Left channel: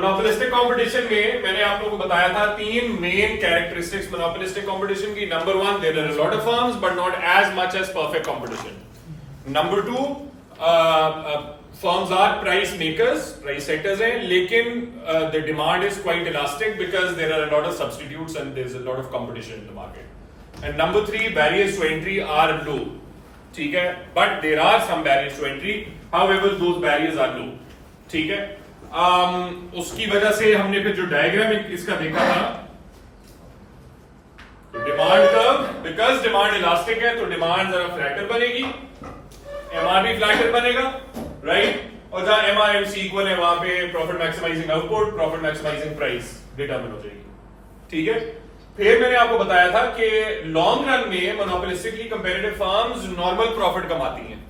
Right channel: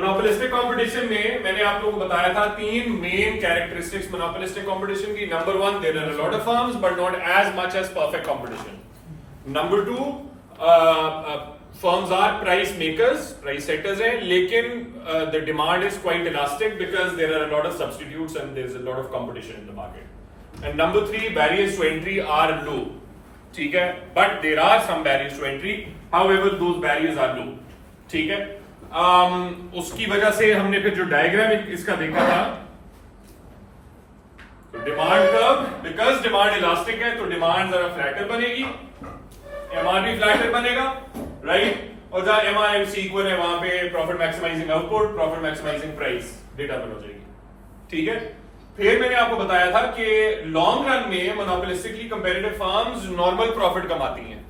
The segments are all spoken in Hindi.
मोनोपोलिस्टिक कंपटीशन में मैंने आप लोगों को बताया था तीन मेन कैरेक्टरिस्टिक्स मोनोपोलिस्टिक कंपटीशन की। Number one, there are lot of firms but not as much as perfect competition. Number two, firms are price makers, price setters हैं, लेकिन the demand is quite elastic because there are lot of substitutes and there is a lot of competition in the market. And number three, barriers to entry are low, ठीक है, but there are some barriers to entry, however those barriers are low, ठीक है। उसकी वजह से हमने फिर जो डायग्राम इसका देखा था, demand curve, because demand elastic है तो डिमांड जरा फ्लैटर बनेगी, एमआर भी फ्लैटर बनेगा, राइट। और जहां एमआर एमसी इक्वल है वहां पे profit maximising output, profit maximising price determine हो जाएगी, ठीक है। फिर मैंने आपको बताया था कि लॉन्ग रन में monopolistically comparative firms normal profit कमाती हैं,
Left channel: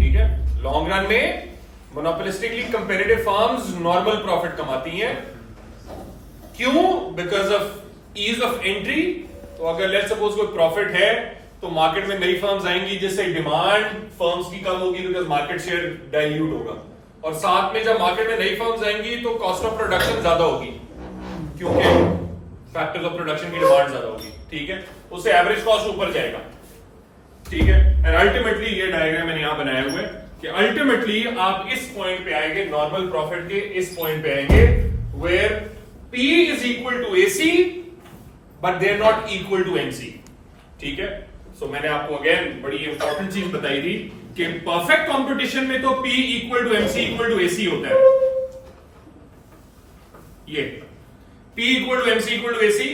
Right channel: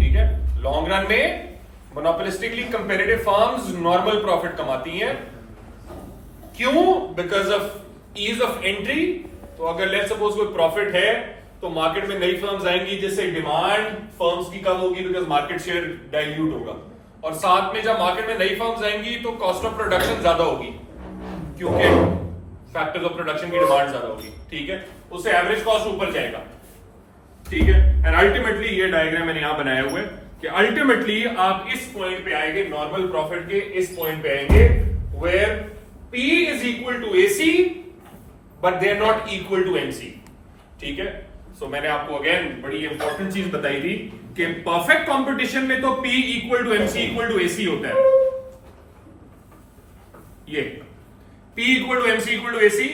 ठीक है। लॉन्ग रन में monopolistically comparative firms normal profit कमाती हैं। क्यों? Because of ease of entry. तो अगर लेट्स सपोज कोई प्रॉफिट है तो मार्केट में नई फर्म्स आएंगी जिससे डिमांड फर्म्स की कम होगी बिकॉज मार्केट शेयर डाइल्यूट होगा, और साथ में जब मार्केट में नई फर्म्स आएंगी तो कॉस्ट ऑफ प्रोडक्शन ज्यादा होगी क्योंकि फैक्टर्स ऑफ प्रोडक्शन की डिमांड ज्यादा होगी, ठीक है। उससे एवरेज कॉस्ट ऊपर जाएगा, ठीक है। एंड अल्टीमेटली ये डायग्राम मैंने यहां बनाया हुआ है कि अल्टीमेटली आप इस पॉइंट पे आएंगे, नॉर्मल प्रॉफिट के इस पॉइंट पे आएंगे where P is equal to AC but they are not equal to MC, ठीक है। सो मैंने आपको अगेन बड़ी इंपॉर्टेंट चीज बताई थी कि परफेक्ट कंपटीशन में तो P equal to MC equal to AC होता है, ये P equal to MC equal to AC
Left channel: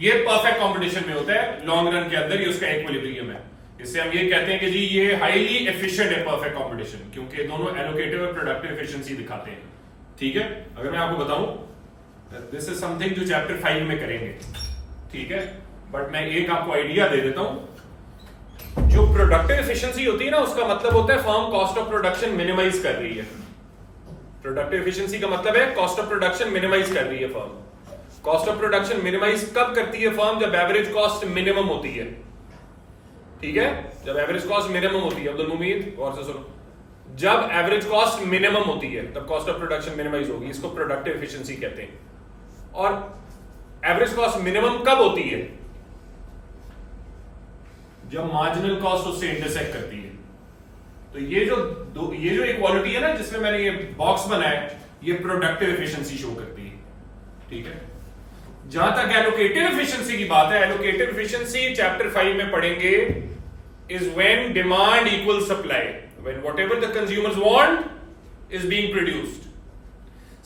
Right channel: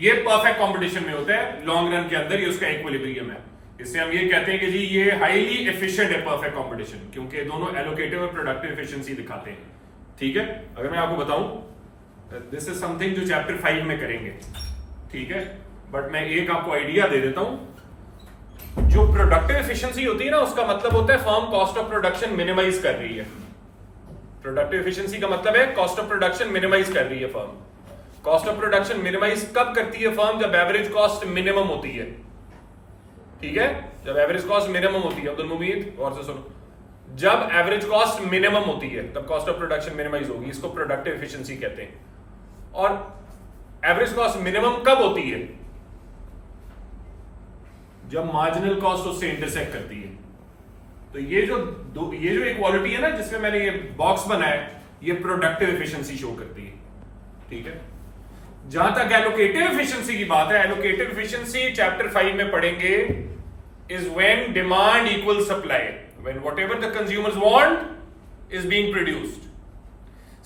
ये परफेक्ट कंपटीशन में होता है, लॉन्ग रन के अंदर ये उसका इक्विलिब्रियम है। इससे हम ये कहते हैं कि जी ये हाईली एफिशिएंट है परफेक्ट कंपटीशन, क्योंकि दोनों एलोकेटिव और प्रोडक्टिव एफिशिएंसी दिखाते हैं, ठीक है। अगर मैं आपको बताऊं, दिस इज समथिंग जो चैप्टर 5 में करेंगे, ठीक है, बट मैं एक आपको आइडिया दे देता हूं। जो प्रोडक्टिव एफिशिएंसी होती है ना, उसका मतलब होता है firm cost of production minimise कर रही है। प्रोडक्टिव एफिशिएंसी का मतलब है कॉस्ट ऑफ प्रोडक्शन मिनिमाइज कर रही है firm. Cost of production minimise कब करती है फर्म? जब एवरेज कॉस्ट मिनिमम होती है, ठीक है। जब एवरेज कॉस्ट मिनिमम होती है, अब्दुल मुमीद गौर से सुनो, जब एवरेज कॉस्ट मिनिमम होती है तब कॉस्ट ऑफ प्रोडक्शन मिनिमाइज होगी, इसको प्रोडक्टिव एफिशिएंसी कहते हैं। और एवरेज कॉस्ट मिनिमम कब होती है? जब मार्जिनल कॉस्ट उससे इंटरसेक्ट करती है। तो ये जो इक्वालिटी है ना जिसमें मैंने ये बॉक्स बनाया, ये प्रोडक्टिव एफिशिएंसी शो करती है, ठीक है। जहां तक एलोकेटिव एफिशिएंसी की बात है, एलोकेटिव एफिशिएंसी चैप्टर 5 में पढ़ेंगे, is when demand equals supply, when whatever the consumers want is being produced.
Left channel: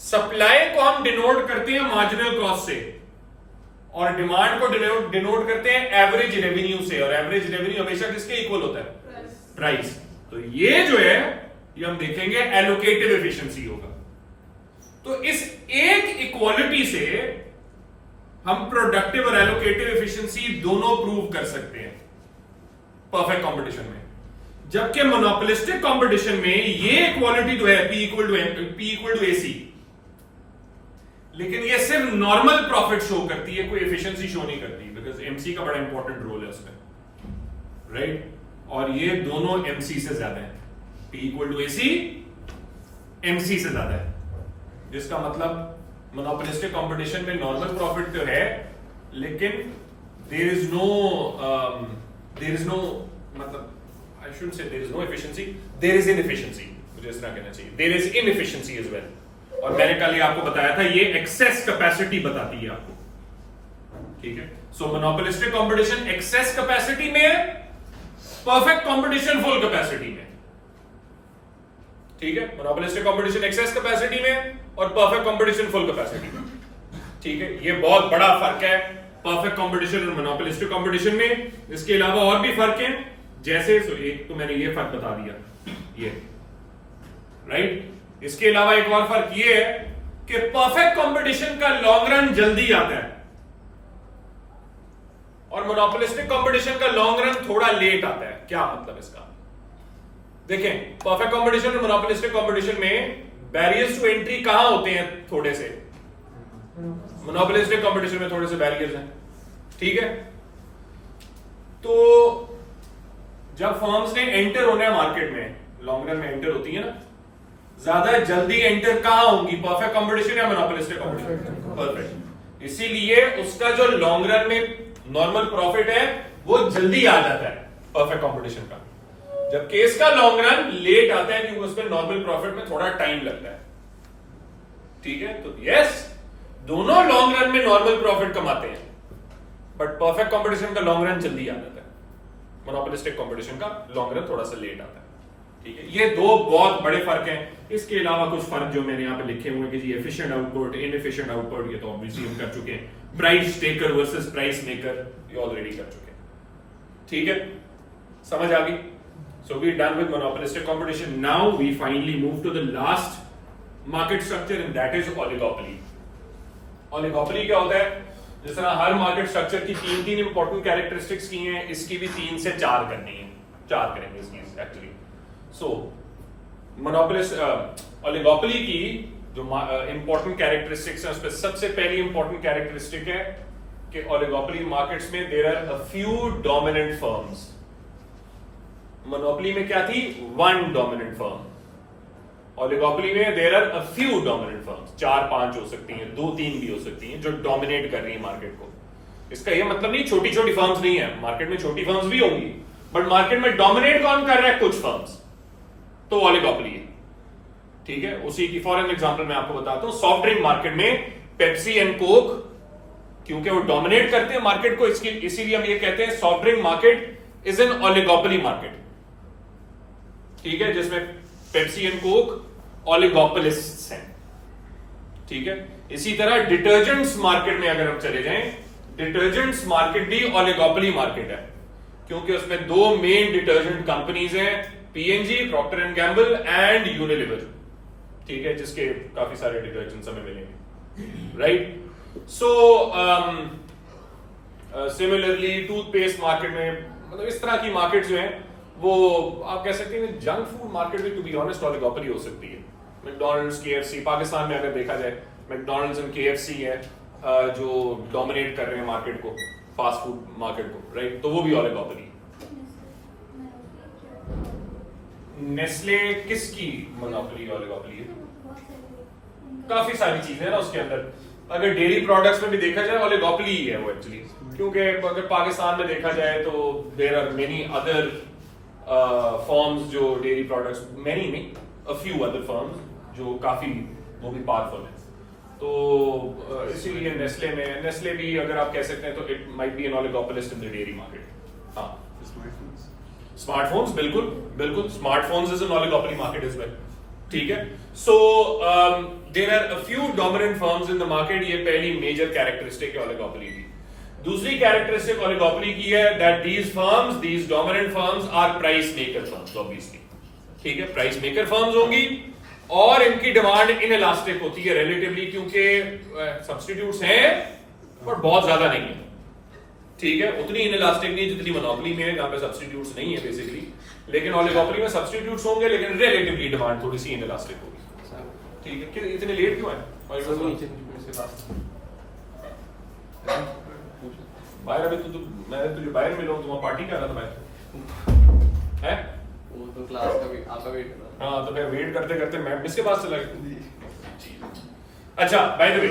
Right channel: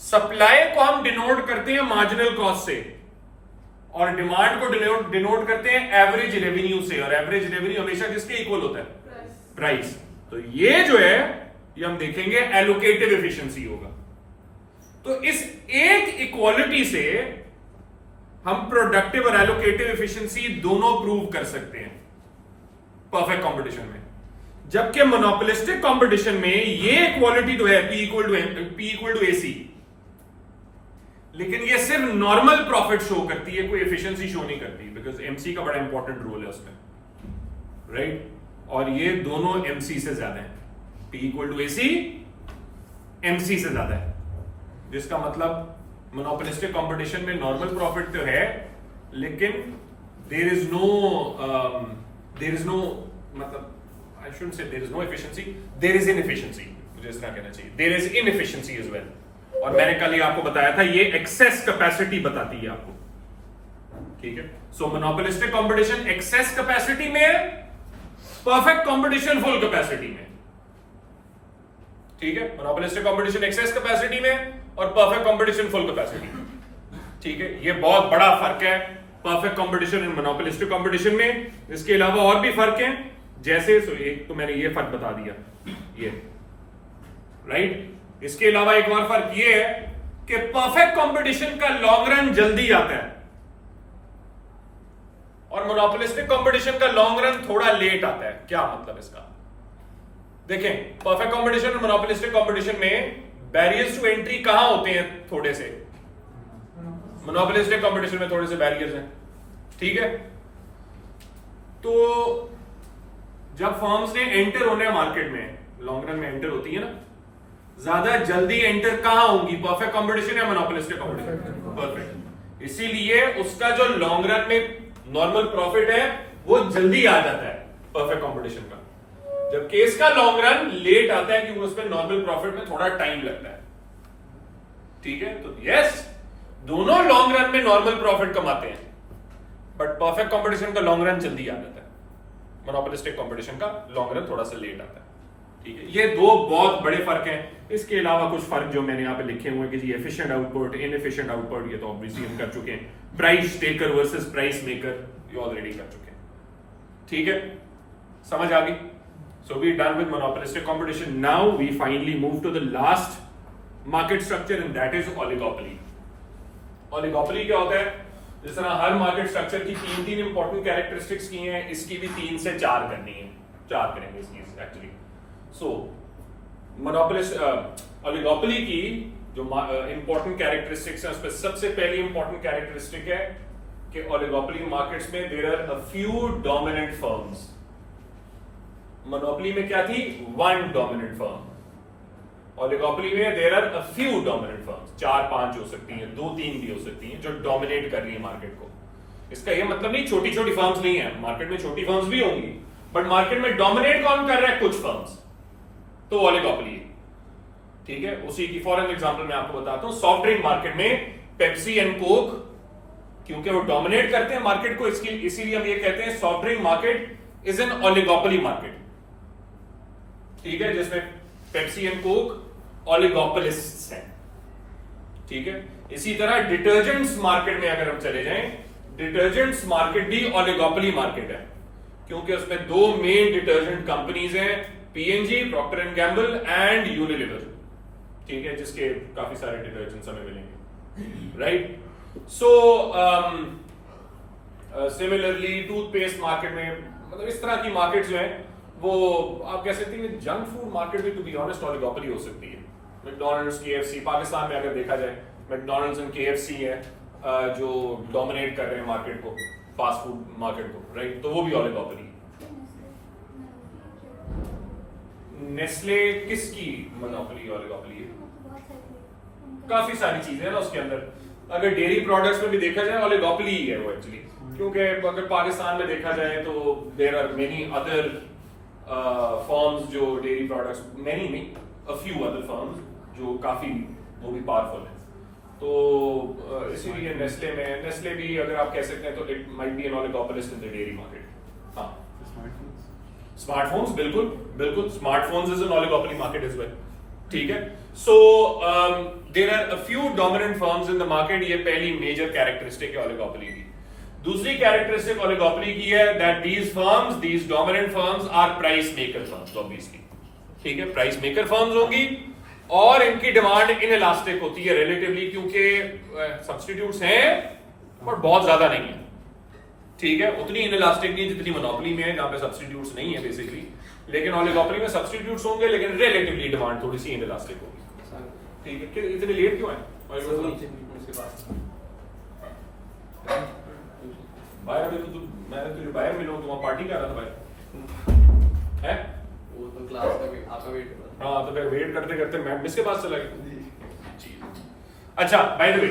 Supply को हम डिनोट करते हैं मार्जिनल कॉस्ट से और डिमांड को डिनोट करते हैं एवरेज रेवेन्यू से, और एवरेज रेवेन्यू हमेशा किसके इक्वल होता है? प्राइस। तो ये जो है ये हम देखेंगे एलोकेटिव एफिशिएंसी होगा। तो इस एक इक्वालिटी से हम प्रोडक्टिव और एलोकेटिव एफिशिएंसी दोनों प्रूव कर सकते हैं परफेक्ट कंपटीशन में। जबकि मोनोपोलिस्टिक कंपटीशन में ये इक्वालिटी तो है P इक्वल टू AC, लेकिन ये सिर्फ नॉर्मल प्रॉफिट शो करती है, कोई एफिशिएंसी शो नहीं करती, बिकॉज MC का बड़ा इंपॉर्टेंट रोल है उसमें, राइट। और ये दोनों MC से ज्यादा है, P equal to AC MC से ज्यादा है, जिसका मतलब मोनोपोलिस्टिक कंपटीशन में नॉर्मल प्रॉफिट तो है, लेकिन देयर इज नो मतलब I should say there is no efficiency, there is inefficiency, मुझे इस तरह कहना चाहिए, there is inefficiency as well. और मैंने कल ये आपको बताया था ये एक्सेस कैपेसिटी बताती है आपको, ठीक है। सो मोनोपोलिस्टिक कंपटीशन एक्सेस कैपेसिटी में है, परफेक्ट कंपटीशन फुल कैपेसिटी में, ठीक है। मोनोपोलिस्टिक कंपटीशन एक्सेस कैपेसिटी में और परफेक्ट कंपटीशन फुल कैपेसिटी में, ठीक है। ये बहुत बड़ा फर्क है परफेक्ट कंपटीशन और मोनोपोलिस्टिक कंपटीशन में। इसके अलावा और भी फर्क हैं, जैसे एक तो मैंने ये फर्क बता दिया, ये राइट। इसके अलावा एक और फर्क ये है कि परफेक्ट कंपटीशन का लॉन्ग रन जल्दी आता है और मोनोपोलिस्टिक कंपटीशन का लॉन्ग रन थोड़ा लेट आता है। क्या मतलब इसका? देखें, परफेक्ट कंपटीशन और मोनोपोलिस्टिक कंपटीशन में बैरियर्स टू एंट्री कहां होते हैं? थोड़े से। मोनोपोलिस्टिक कंपटीशन में थोड़े से बैरियर्स हैं, ठीक है। तो जब फर्म्स ने एंटर होना है मार्केट में, लॉन्ग रन में एंटर होती है ना, ज्यादा जल्दी एंटर कहां होंगी, परफेक्ट कंपटीशन या मोनोपोलिस्टिक कंपटीशन? परफेक्ट। इसीलिए उसका जो लॉन्ग रन में नॉर्मल प्रॉफिट है वो जल्दी आ जाता है परफेक्ट कंपटीशन का, जबकि इसका लॉन्ग रन लेट आता है क्योंकि उसमें नॉर्मल प्रॉफिट में थोड़ा टाइम लगता है। ठीक है, तो यस दोनों लॉन्ग रन में नॉर्मल प्रॉफिट कमाते हैं, बट परफेक्ट कंपटीशन का लॉन्ग रन जल्दी आ जाता है, मोनोपोलिस्टिक कंपटीशन का लॉन्ग रन थोड़ा सा लेट आता है। ठीक है, ये दो बहुत बड़े फर्क हैं। इसके अलावा कुछ फर्क जो मैंने यहाँ पे लिखे हुए हैं कि एफिशिएंट आउटपुट, इनएफिशिएंट आउटपुट, ये तो ऑब्वियसली हम कर चुके हैं। Price taker versus price maker, ये ऑलरेडी कर चुके हैं। ठीक है, समझ आ गई? So we're done with monopolistic competition. Now we finally move to the last market structure and that is oligopoly. Oligopoly क्या होता है? जिस तरह हर मार्केट स्ट्रक्चर की तीन इंपॉर्टेंट कैरेक्टरिस्टिक्स की हैं, इसकी भी 3 से 4 करनी है, 4 करेंगे इसकी एक्चुअली। सो ओलिगोपोली की जो इंपॉर्टेंट कैरेक्टरिस्टिक्स है उसमें सबसे पहली इंपॉर्टेंट कैरेक्टरिस्टिक है कि ओलिगोपोली मार्केट्स में there are a few dominant firms. Monopoly में क्या थी? 1 डोमिनेंट फर्म। ओलिगोपोली में there are a few dominant firms, 4-5 हो सकती हैं, 2-3 भी हो सकती हैं जो डोमिनेट कर रही है मार्केट को। इसका ये मतलब नहीं छोटी छोटी फर्म्स नहीं है, मार्केट में छोटी फर्म्स भी होंगी, बट मार्केट में डोमिनेट कौन कर रहा है? कुछ फर्म्स, तो ओलिगोपोली है। ठीक है, उसी की फॉर एग्जांपल मैं आपको बताता हूं। सॉफ्ट ड्रिंक मार्केट में पेप्सी एंड कोक, क्योंकि वो डोमिनेट करते हैं मार्केट को, इसीलिए हम ये कहते हैं soft drink market is an oligopoly market. ठीक है, जिसमें पेप्सी एंड कोक ओलिगोपोलिस्ट्स हैं। ठीक है, इसी तरह डिटर्जेंट्स मार्केट में अगर हम चले जाएं, डिटर्जेंट्स मार्केट भी ओलिगोपोली मार्केट है, क्योंकि उसमें 2 मेन डिटर्जेंट कंपनीज हैं, P and G, Procter and Gamble and Unilever. ठीक है, जिसके काफी सारे डिटर्जेंट्स हमें मिलेंगे, right? So similarly toothpaste market में, मतलब इस तरह की मार्केट जो है वो आप कह सकते हैं जंक फूड मार्केट में टू बी ऑनेस्ट ओलिगोपोली हो सकती है। मैकडॉनल्ड्स, केएफसी, पाकिस्तान में अगर देखा जाए मैकडॉनल्ड्स एंड केएफसी है जो डोमिनेट कर रहे हैं मार्केट को, फास्ट फूड मार्केट को, राइट? तो वो भी ओलिगोपोली। नेस्ले किसकी मोनोपोली ओलिगोपोली है? काफी सारी चीजें ना उसके अंदर। अगर डेयरी प्रोडक्ट्स में भी देखा जाए ओलिगोपोली ही है वो एक्चुअली, क्योंकि अगर पाकिस्तान में देखा जाए तो there are many other firms जो डेयरी प्रोडक्ट्स, मेनी नहीं, अ फ्यू अदर फर्म्स जो काफी वो भी पावरफुल है। तो इसीलिए नेस्ले भी अगर आप कह सकते हैं तो it might be an oligopolist in the dairy market. हाँ, स्मार्टफोन्स, बिल्कुल बिल्कुल, smartphones is an oligopoly market as well. ठीक है, so there are a few dominant firms in the market, ये पहली मेजर कैरेक्टरिस्टिक है ओलिगोपोली की। दूसरी कैरेक्टरिस्टिक ओलिगोपोली की है that these dominant firms are price maker firms, obviously. ठीक है, प्राइस मेकर फर्म्स होंगी और इनकी डिमांड इनइलास्टिक होती है रिलेटिवली, क्योंकि सब्स्टिट्यूट्स हैं पर बहुत ज्यादा नहीं है। ठीक है, उतनी इनइलास्टिक नहीं जितनी मोनोपोली में है जहां पे सब्स्टिट्यूट्स नहीं है बेसिकली, लेकिन ओलिगोपोली में सब्स्टिट्यूट्स होंगे लेकिन रिलेटिवली डिमांड थोड़ी सी इनइलास्टिक होगी। ठीक है, इतने लेट क्यों है? बाहर अभी मैंने तुझे बाहर मिला हूं, तुम पार्टी कर रहा था बाहर, है? वो तो क्लास का भी आपका वेट कर रहा। हाँ, तो फिर वेट करते करते मैं मिस के पास चला गया। अच्छा, बाय द वे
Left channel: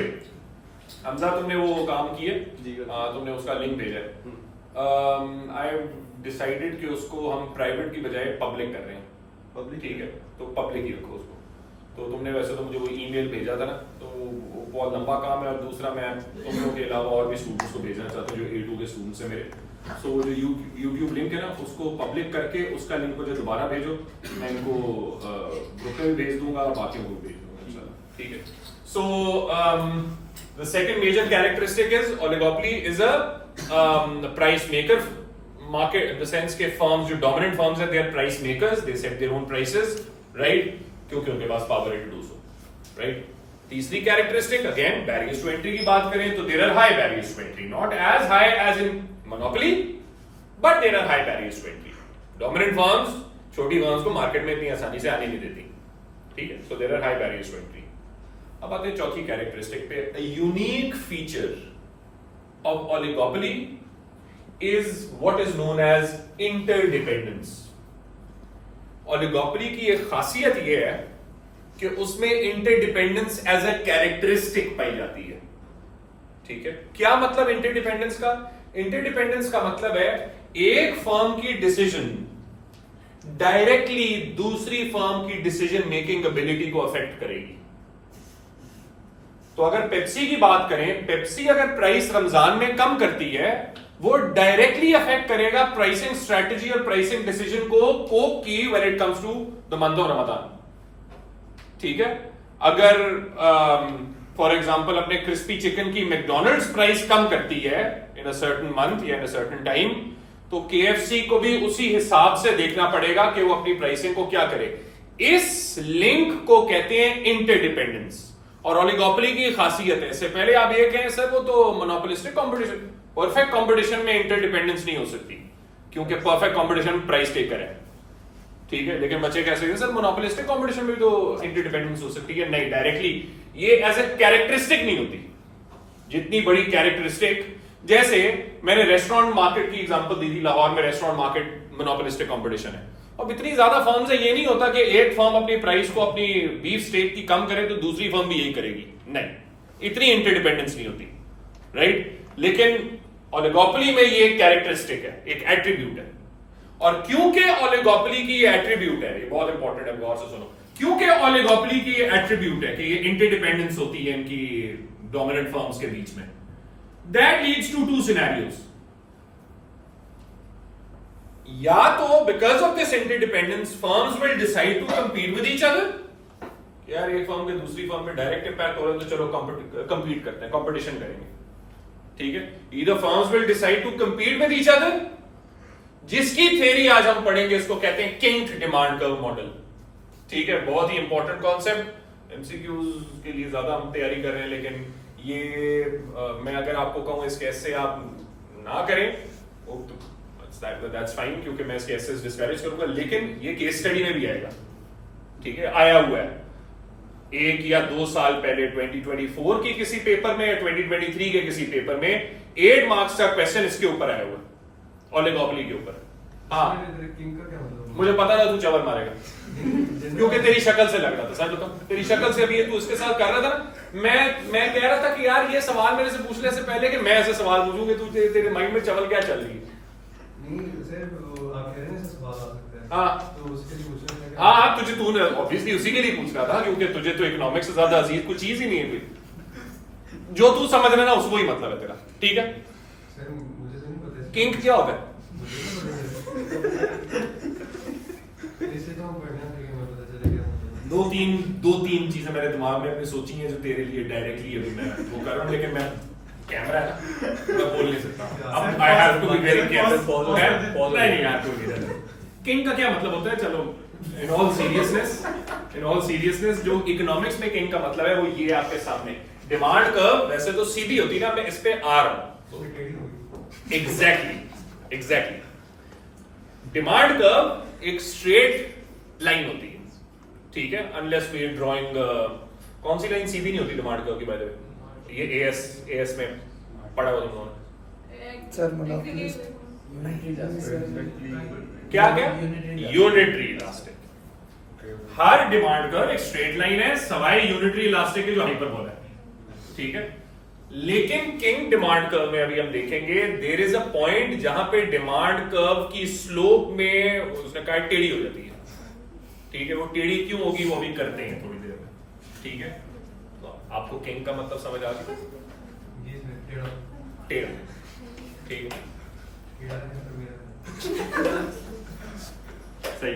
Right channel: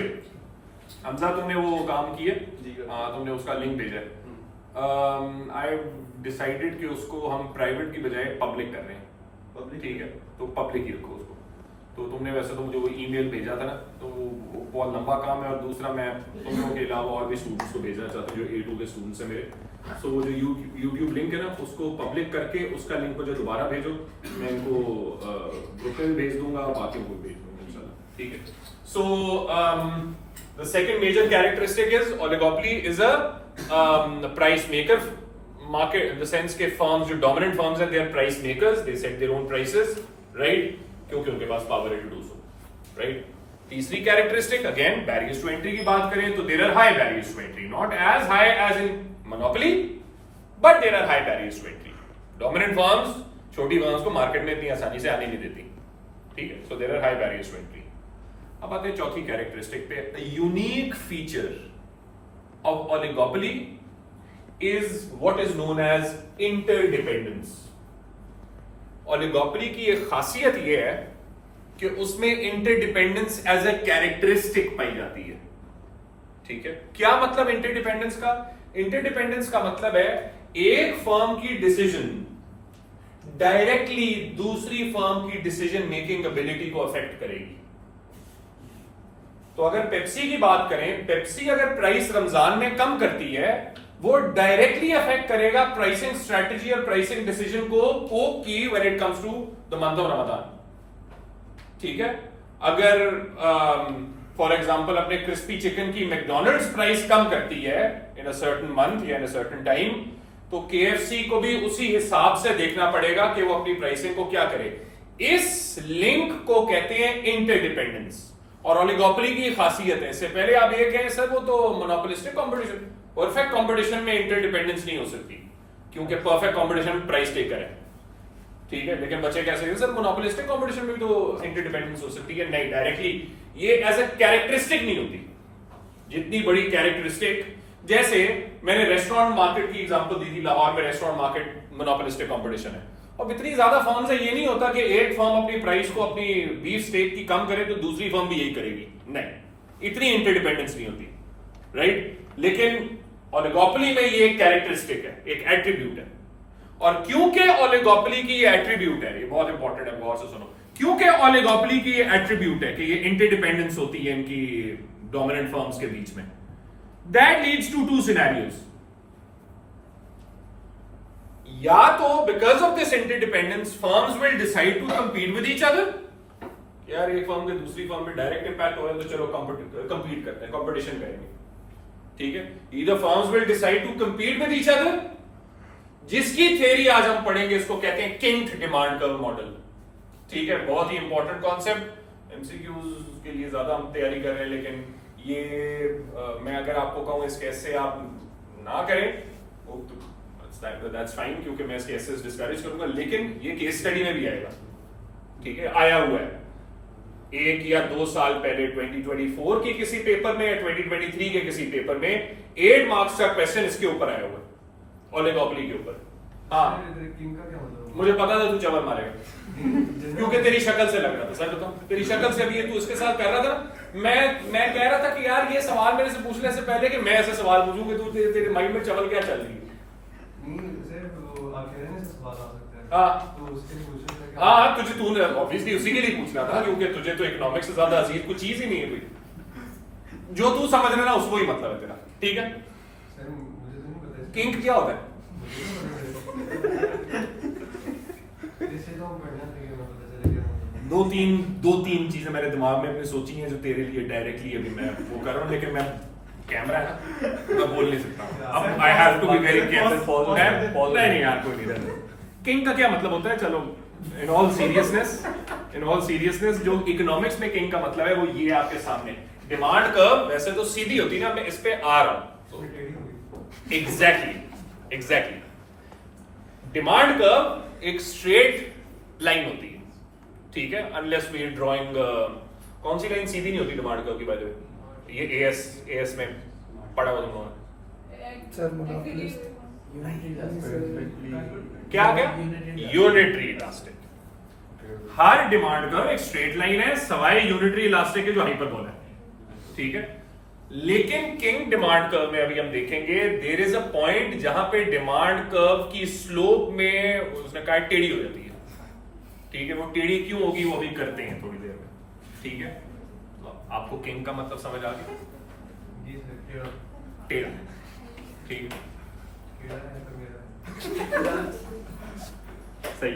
हमजा, तुमने वो काम किए, तुमने उसका लिंक भेजा है। आई हैव डिसाइडेड कि उसको हम प्राइवेट की बजाय पब्लिक कर रहे हैं। पब्लिक? ठीक है, तो पब्लिक ही रखो उसको। तो तुमने वैसे तो मुझे वो ईमेल भेजा था ना, तो वो बहुत लंबा काम है, और दूसरा मैं तुम लोगों के अलावा और भी स्टूडेंट्स को भेजना चाहता हूँ जो A2 के स्टूडेंट्स हैं मेरे। सो वो जो यूट्यूब लिंक है ना, उसको पब्लिक करके उसका लिंक मुझे दोबारा भेजो, मैं इनको ग्रुप में भी भेज दूंगा, बाकियों को भेज दूंगा इंशाल्लाह। ठीक है, सो the second major characteristic is oligopoly is a price maker market, in the sense के firms जो dominant firms हैं, they are price makers, they set their own prices, right? क्योंकि उनके पास power है to do so, right? तीसरी characteristic again barriers to entry की बात करें तो there are high barriers to entry, not as high as in monopoly, but there are high barriers to entry. Dominant firms छोटी firms को market में इतनी आसानी से आने नहीं देती, ठीक है? So there are high barriers to entry. अब आते हैं चौथी कैरेक्टरिस्टिक पे। A unique feature of oligopoly is what is known as interdependence. Oligopoly की एक खासियत ये है कि उसमें इंटरडिपेंडेंस एज ए कैरेक्टरिस्टिक पाई जाती है। ठीक है, क्या मतलब इंटरडिपेंडेंस का? इंटरडिपेंडेंस का मतलब है एक फर्म की डिसीजन डायरेक्टली दूसरी फर्म की डिसीजन मेकिंग एबिलिटी को अफेक्ट करेगी। तो अगर पेप्सी की बात करें, पेप्सी अगर प्राइस रमजान में कम करती है, वो डायरेक्टली अफेक्ट करेगा प्राइसिंग स्ट्रेटजी और प्राइसिंग डिसीजन को कोक की when it comes to the month of Ramzan. ठीक है, अगर फॉर एग्जांपल अपने क्रिस्पी चिकन की मैकडॉनल्ड्स प्राइस कम करती है इन अ सर्टेन मंथ या इन अ सर्टेन टाइम, तो केएफसी को भी उसी हिसाब से देखना पड़ेगा कि वो अपनी प्राइसिंग को क्या करे। इस लिंक को कहते हैं इंटरडिपेंडेंस। और ओलिगोपोली की खासियत है, इससे पहले आप ये कहें सर वो तो मोनोपोलिस्टिक कंपटीशन, परफेक्ट कंपटीशन में इंटरडिपेंडेंस नहीं हो सकती, क्योंकि परफेक्ट कंपटीशन प्राइस टेकर है। ठीक है, लेकिन बच्चे कह सकते हैं सर मोनोपोलिस्टिक कंपटीशन में तो इंटरडिपेंडेंस हो सकती है। नहीं, डायरेक्टली ये एज ए कैरेक्टरिस्टिक नहीं होती। जितनी बड़ी कैरेक्टरिस्टिक, जैसे मैंने रेस्टोरेंट मार्केट की एग्जांपल दी थी, लाहौर में रेस्टोरेंट मार्केट मोनोपोलिस्टिक कंपटीशन है, और इतनी ज्यादा फर्म्स है, ये नहीं होता कि एक फर्म अपनी प्राइस को अपनी बीफ स्टेक की कम करे तो दूसरी फर्म भी यही करेगी। नहीं, इतनी इंटरडिपेंडेंस नहीं होती, राइट। लेकिन ओलिगोपोली में ये एक कैरेक्टरिस्टिक है, एक एट्रीब्यूट है। और क्योंकि ओलिगोपोली की ये एट्रीब्यूट है, ये बहुत इंपॉर्टेंट है, गौर से सुनो, क्योंकि ओलिगोपोली की ये एट्रीब्यूट है कि ये इंटरडिपेंडेंस होती है इनकी डोमिनेंट फर्म्स के बीच में, that leads to two scenarios. या तो because of this interdependence firms will decide to compete with each other, यार एक फर्म के दूसरी फर्म में डायरेक्ट इंपैक्ट हो रहा है तो चलो कंपीट करते हैं, कंपटीशन करेंगे। ठीक है, either firms will decide to compete with each other, जिसकी थ्योरी आज हम पढ़ेंगे, इसको कहते हैं किंग डिमांड कर्व मॉडल। ठीक है, बहुत ही इंपॉर्टेंट कॉन्सेप्ट, एमसीक्यूज के लिए ज्यादा हम तैयारी कर रहे हैं, लेकिन ये मैं अगर आपको कहूं इस केस से आप ना करें दैट्स फाइन, क्योंकि मैं इस केस से डिस्करेज करूंगा, लेकिन ये केस स्टडी में भी आएगा। ठीक है, आया हुआ है 1 या 2 साल पहले 2024 के किसी पेपर में या 2023 के किसी पेपर में 8 मार्क्स का क्वेश्चन इसके ऊपर आया हुआ है, ओलिगोपोली के ऊपर। हाँ, किंग का क्या मतलब? मुझे पता था तू चवर मारेगा क्योंकि तेरी शक्ल से लग रहा था। सर बताओ, तेरी शक्ल से अभी तू इसके साथ कर रहा था ना, मैं कह रहा था कि यार ये सवाल मेरे से पूछने से पहले कि मैं ऐसे सवाल पूछूं कि तू तेरे माइंड में चवल क्या चल रही है। आप कह रहे हैं सवाल आ सकता है, हाँ तो उसके लिए क्वेश्चन है। हाँ, तुझे तूने ऑब्वियसली उसी के लिए पूछना था, क्योंकि तुझे तो इकोनॉमिक्स से ज्यादा अजीज कोई चीज ही नहीं है कोई, जो तू समझ रहा है ना उसको ही मतलब है तेरा। ठीक है, सर मुझे तो नहीं पता किंग क्या होता है? दो तीन चीजें मेरे दिमाग में अपनी सोची हैं जो तेरे लिए डायरेक्टली अभी मैं वो कर रहा हूं, लेकिन मैं कैमरा है ना, मैं बोल नहीं सकता। अब I have to be very careful. नहीं यार, कोई नहीं। किंग का क्या मतलब होता है? चलो इन ऑल सीरियसनेस जो इकोनॉमिक्स में किंग का मतलब है वो ये आपके सामने। डिमांड कर्व वैसे तो सीधी होती ना, मैं इस पे आ रहा हूं। एग्जैक्टली डिमांड कर्व एक स्ट्रेट लाइन होती है। ठीक है, अनलेस वी आर ड्राइंग, कौन सी लाइन सीधी नहीं होती डिमांड कर्व की? बाय द वे, ये एएस में पढ़ा हुआ तुम लोगों ने क्या यूनिटरी इलास्टिक। हर डिमांड कर्व एक स्ट्रेट लाइन है, सवाई यूनिटरी इलास्टिक जो हाइपरबोला है। ठीक है, लेकिन किंग डिमांड कर्व में अभी हम देखेंगे देयर इज अ पॉइंट जहां पे डिमांड कर्व की स्लोप में उसने कहा टेढ़ी हो जाती है। ठीक है, वो टेढ़ी क्यों होगी वो अभी करते हैं थोड़ी देर में। ठीक है, तो आपको किंग का मतलब समझ आ गया? टेढ़ा। ठीक है, सही।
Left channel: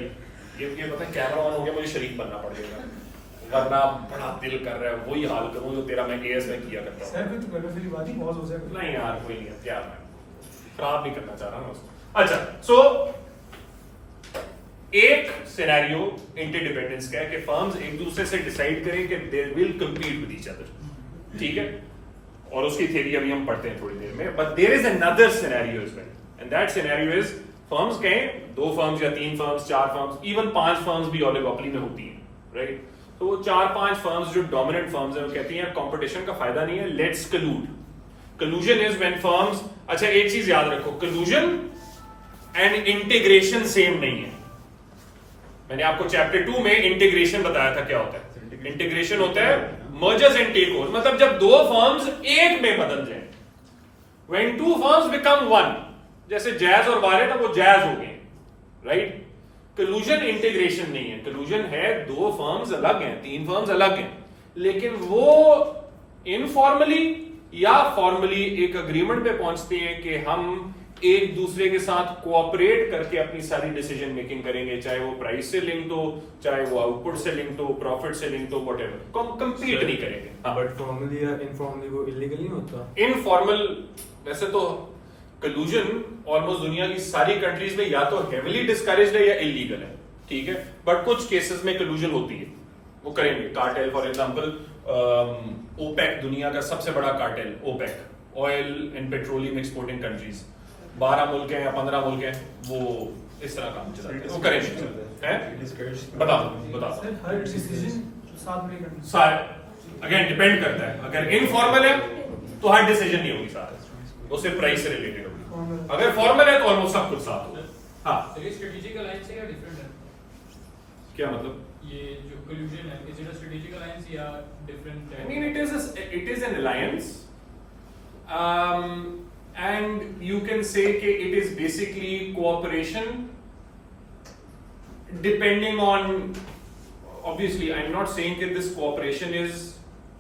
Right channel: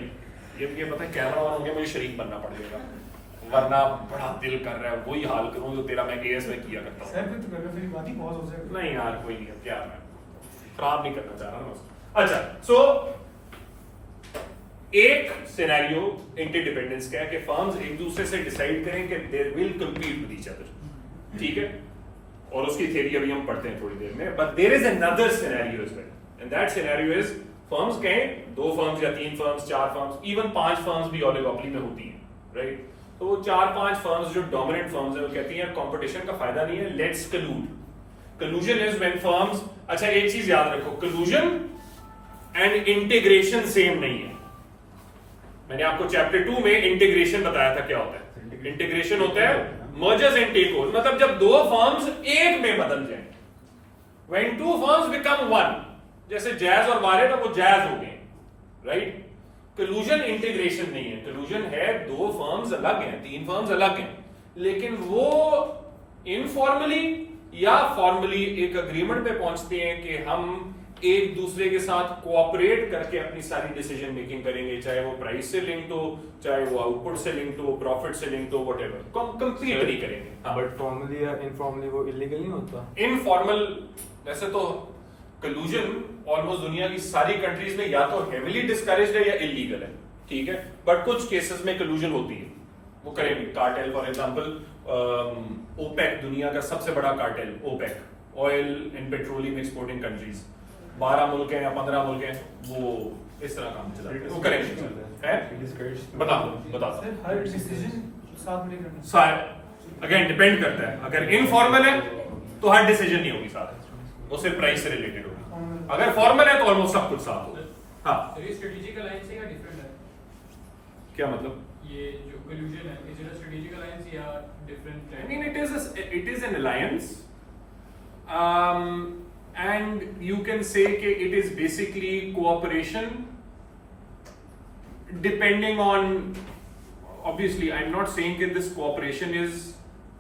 ये पता है कैमरा ऑन हो गया, मुझे शरीक बनना पड़ेगा, वरना बड़ा दिल कर रहा है वही हाल करूं जो तेरा मैं एएस में किया करता हूं। सर फिर तो पहले बात ही बहुत हो जाएगी। नहीं यार, कोई नहीं, क्या मैं खराब नहीं करना चाह रहा ना उसको। अच्छा, सो एक सिनेरियो इंटरडिपेंडेंस का है कि फर्म्स एक दूसरे से डिसाइड करें कि they will compete with each other. ठीक है, और उसकी थ्योरी अभी हम पढ़ते हैं थोड़ी देर में। But there is another scenario as well, and that scenario is firms कहें 2 फर्म्स या 3 फर्म्स, 4 फर्म्स, इवन 5 फर्म्स भी ओलिगोपोली में होती हैं, राइट। तो वो 4-5 फर्म्स जो डोमिनेंट फर्म्स हैं वो कहती हैं कंपटीशन का फायदा नहीं है, लेट्स कलूड। कलूजन इज व्हेन फर्म्स, अच्छा एक चीज याद रखो, कलूजन एंड इंटीग्रेशन सेम नहीं है। मैंने आपको चैप्टर 2 में इंटीग्रेशन बताया था क्या होता है। इंटीग्रेशन होता है मर्जर्स एंड टेक ओवर, मतलब जब दो फर्म्स एक में बदल जाए, when two firms become one, जैसे जैज और वारेट वो जैज हो गए, राइट। कलूजन इंटीग्रेशन नहीं है, कलूजन है दो फर्म्स अलग हैं, तीन फर्म्स अलग हैं, लेकिन वो इनफॉर्मली या फॉर्मली एक अग्रीमेंट पे पहुंचते हैं कि हम एक दूसरे के साथ कोऑपरेट करके अपनी सारी डिसीजन मेकिंग करेंगे, चाहे वो प्राइस से लिंक्ड हो, चाहे वो आउटपुट से लिंक्ड हो, प्रॉफिट से लिंक्ड हो, व्हाटएवर, कंप्लीट नहीं करेंगे। बट फॉर्मली या इनफॉर्मली वो इलीगल नहीं होता? इनफॉर्मल वैसे तो कलूजन ऑलमोस्ट दुनिया की सारी कंट्रीज में या तो हेविली डिस्करेज्ड है या इलीगल है, ठीक है, बट कुछ केसेस में कलूजन होती है, वो करेंगे। कार्टेल फॉर एग्जांपल, ओपेक दुनिया का सबसे बड़ा cartel, OPEC, oil and petroleum exporting countries, 12 मुल्क हैं या 15 मुल्क हैं, वो इस तरह काम चलाते हैं, वो करेंगे। बताओ सर हर डिसीजन साथ में करना। सारे अगेन डिपेंड करता है, अगर इनफॉर्मल है तो हर डिसीजन नहीं होगी साथ, वो सिर्फ प्राइस से रिलेटेड होगी, अगर फॉर्मल है तो ऑलमोस्ट सब कुछ साथ होगा। हाँ, ये स्ट्रेटेजिक अलायंस है या डिफरेंट है? क्या मतलब? ये जो कलूजन है, is it a strategic alliance या डिफरेंट है? I mean, it is an alliance, and you can say कि it is basically cooperation, depending on, obviously, I'm not saying कि this cooperation is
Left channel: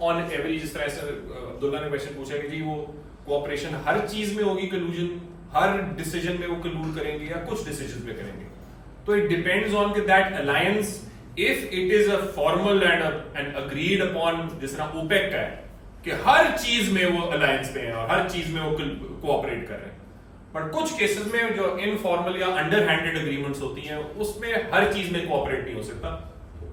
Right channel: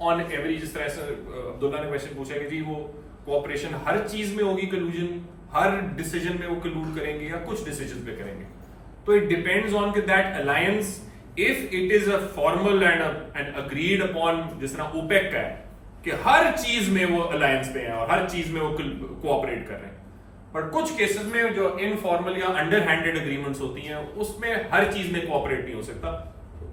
on every, जिस तरह से अब्दुल्ला ने क्वेश्चन पूछा कि जी वो cooperation हर चीज में होगी collusion, हर डिसीजन में वो collude करेंगे या कुछ डिसीजन पे करेंगे, तो it depends on कि that alliance, if it is a formal and agreed upon, जिस तरह OPEC का है कि हर चीज में वो अलायंस पे हैं और हर चीज में वो कोऑपरेट कर रहे हैं, बट कुछ केसेस में जो इनफॉर्मल या अंडरहैंडेड एग्रीमेंट्स होती हैं उसमें हर चीज में कोऑपरेट नहीं हो सकता,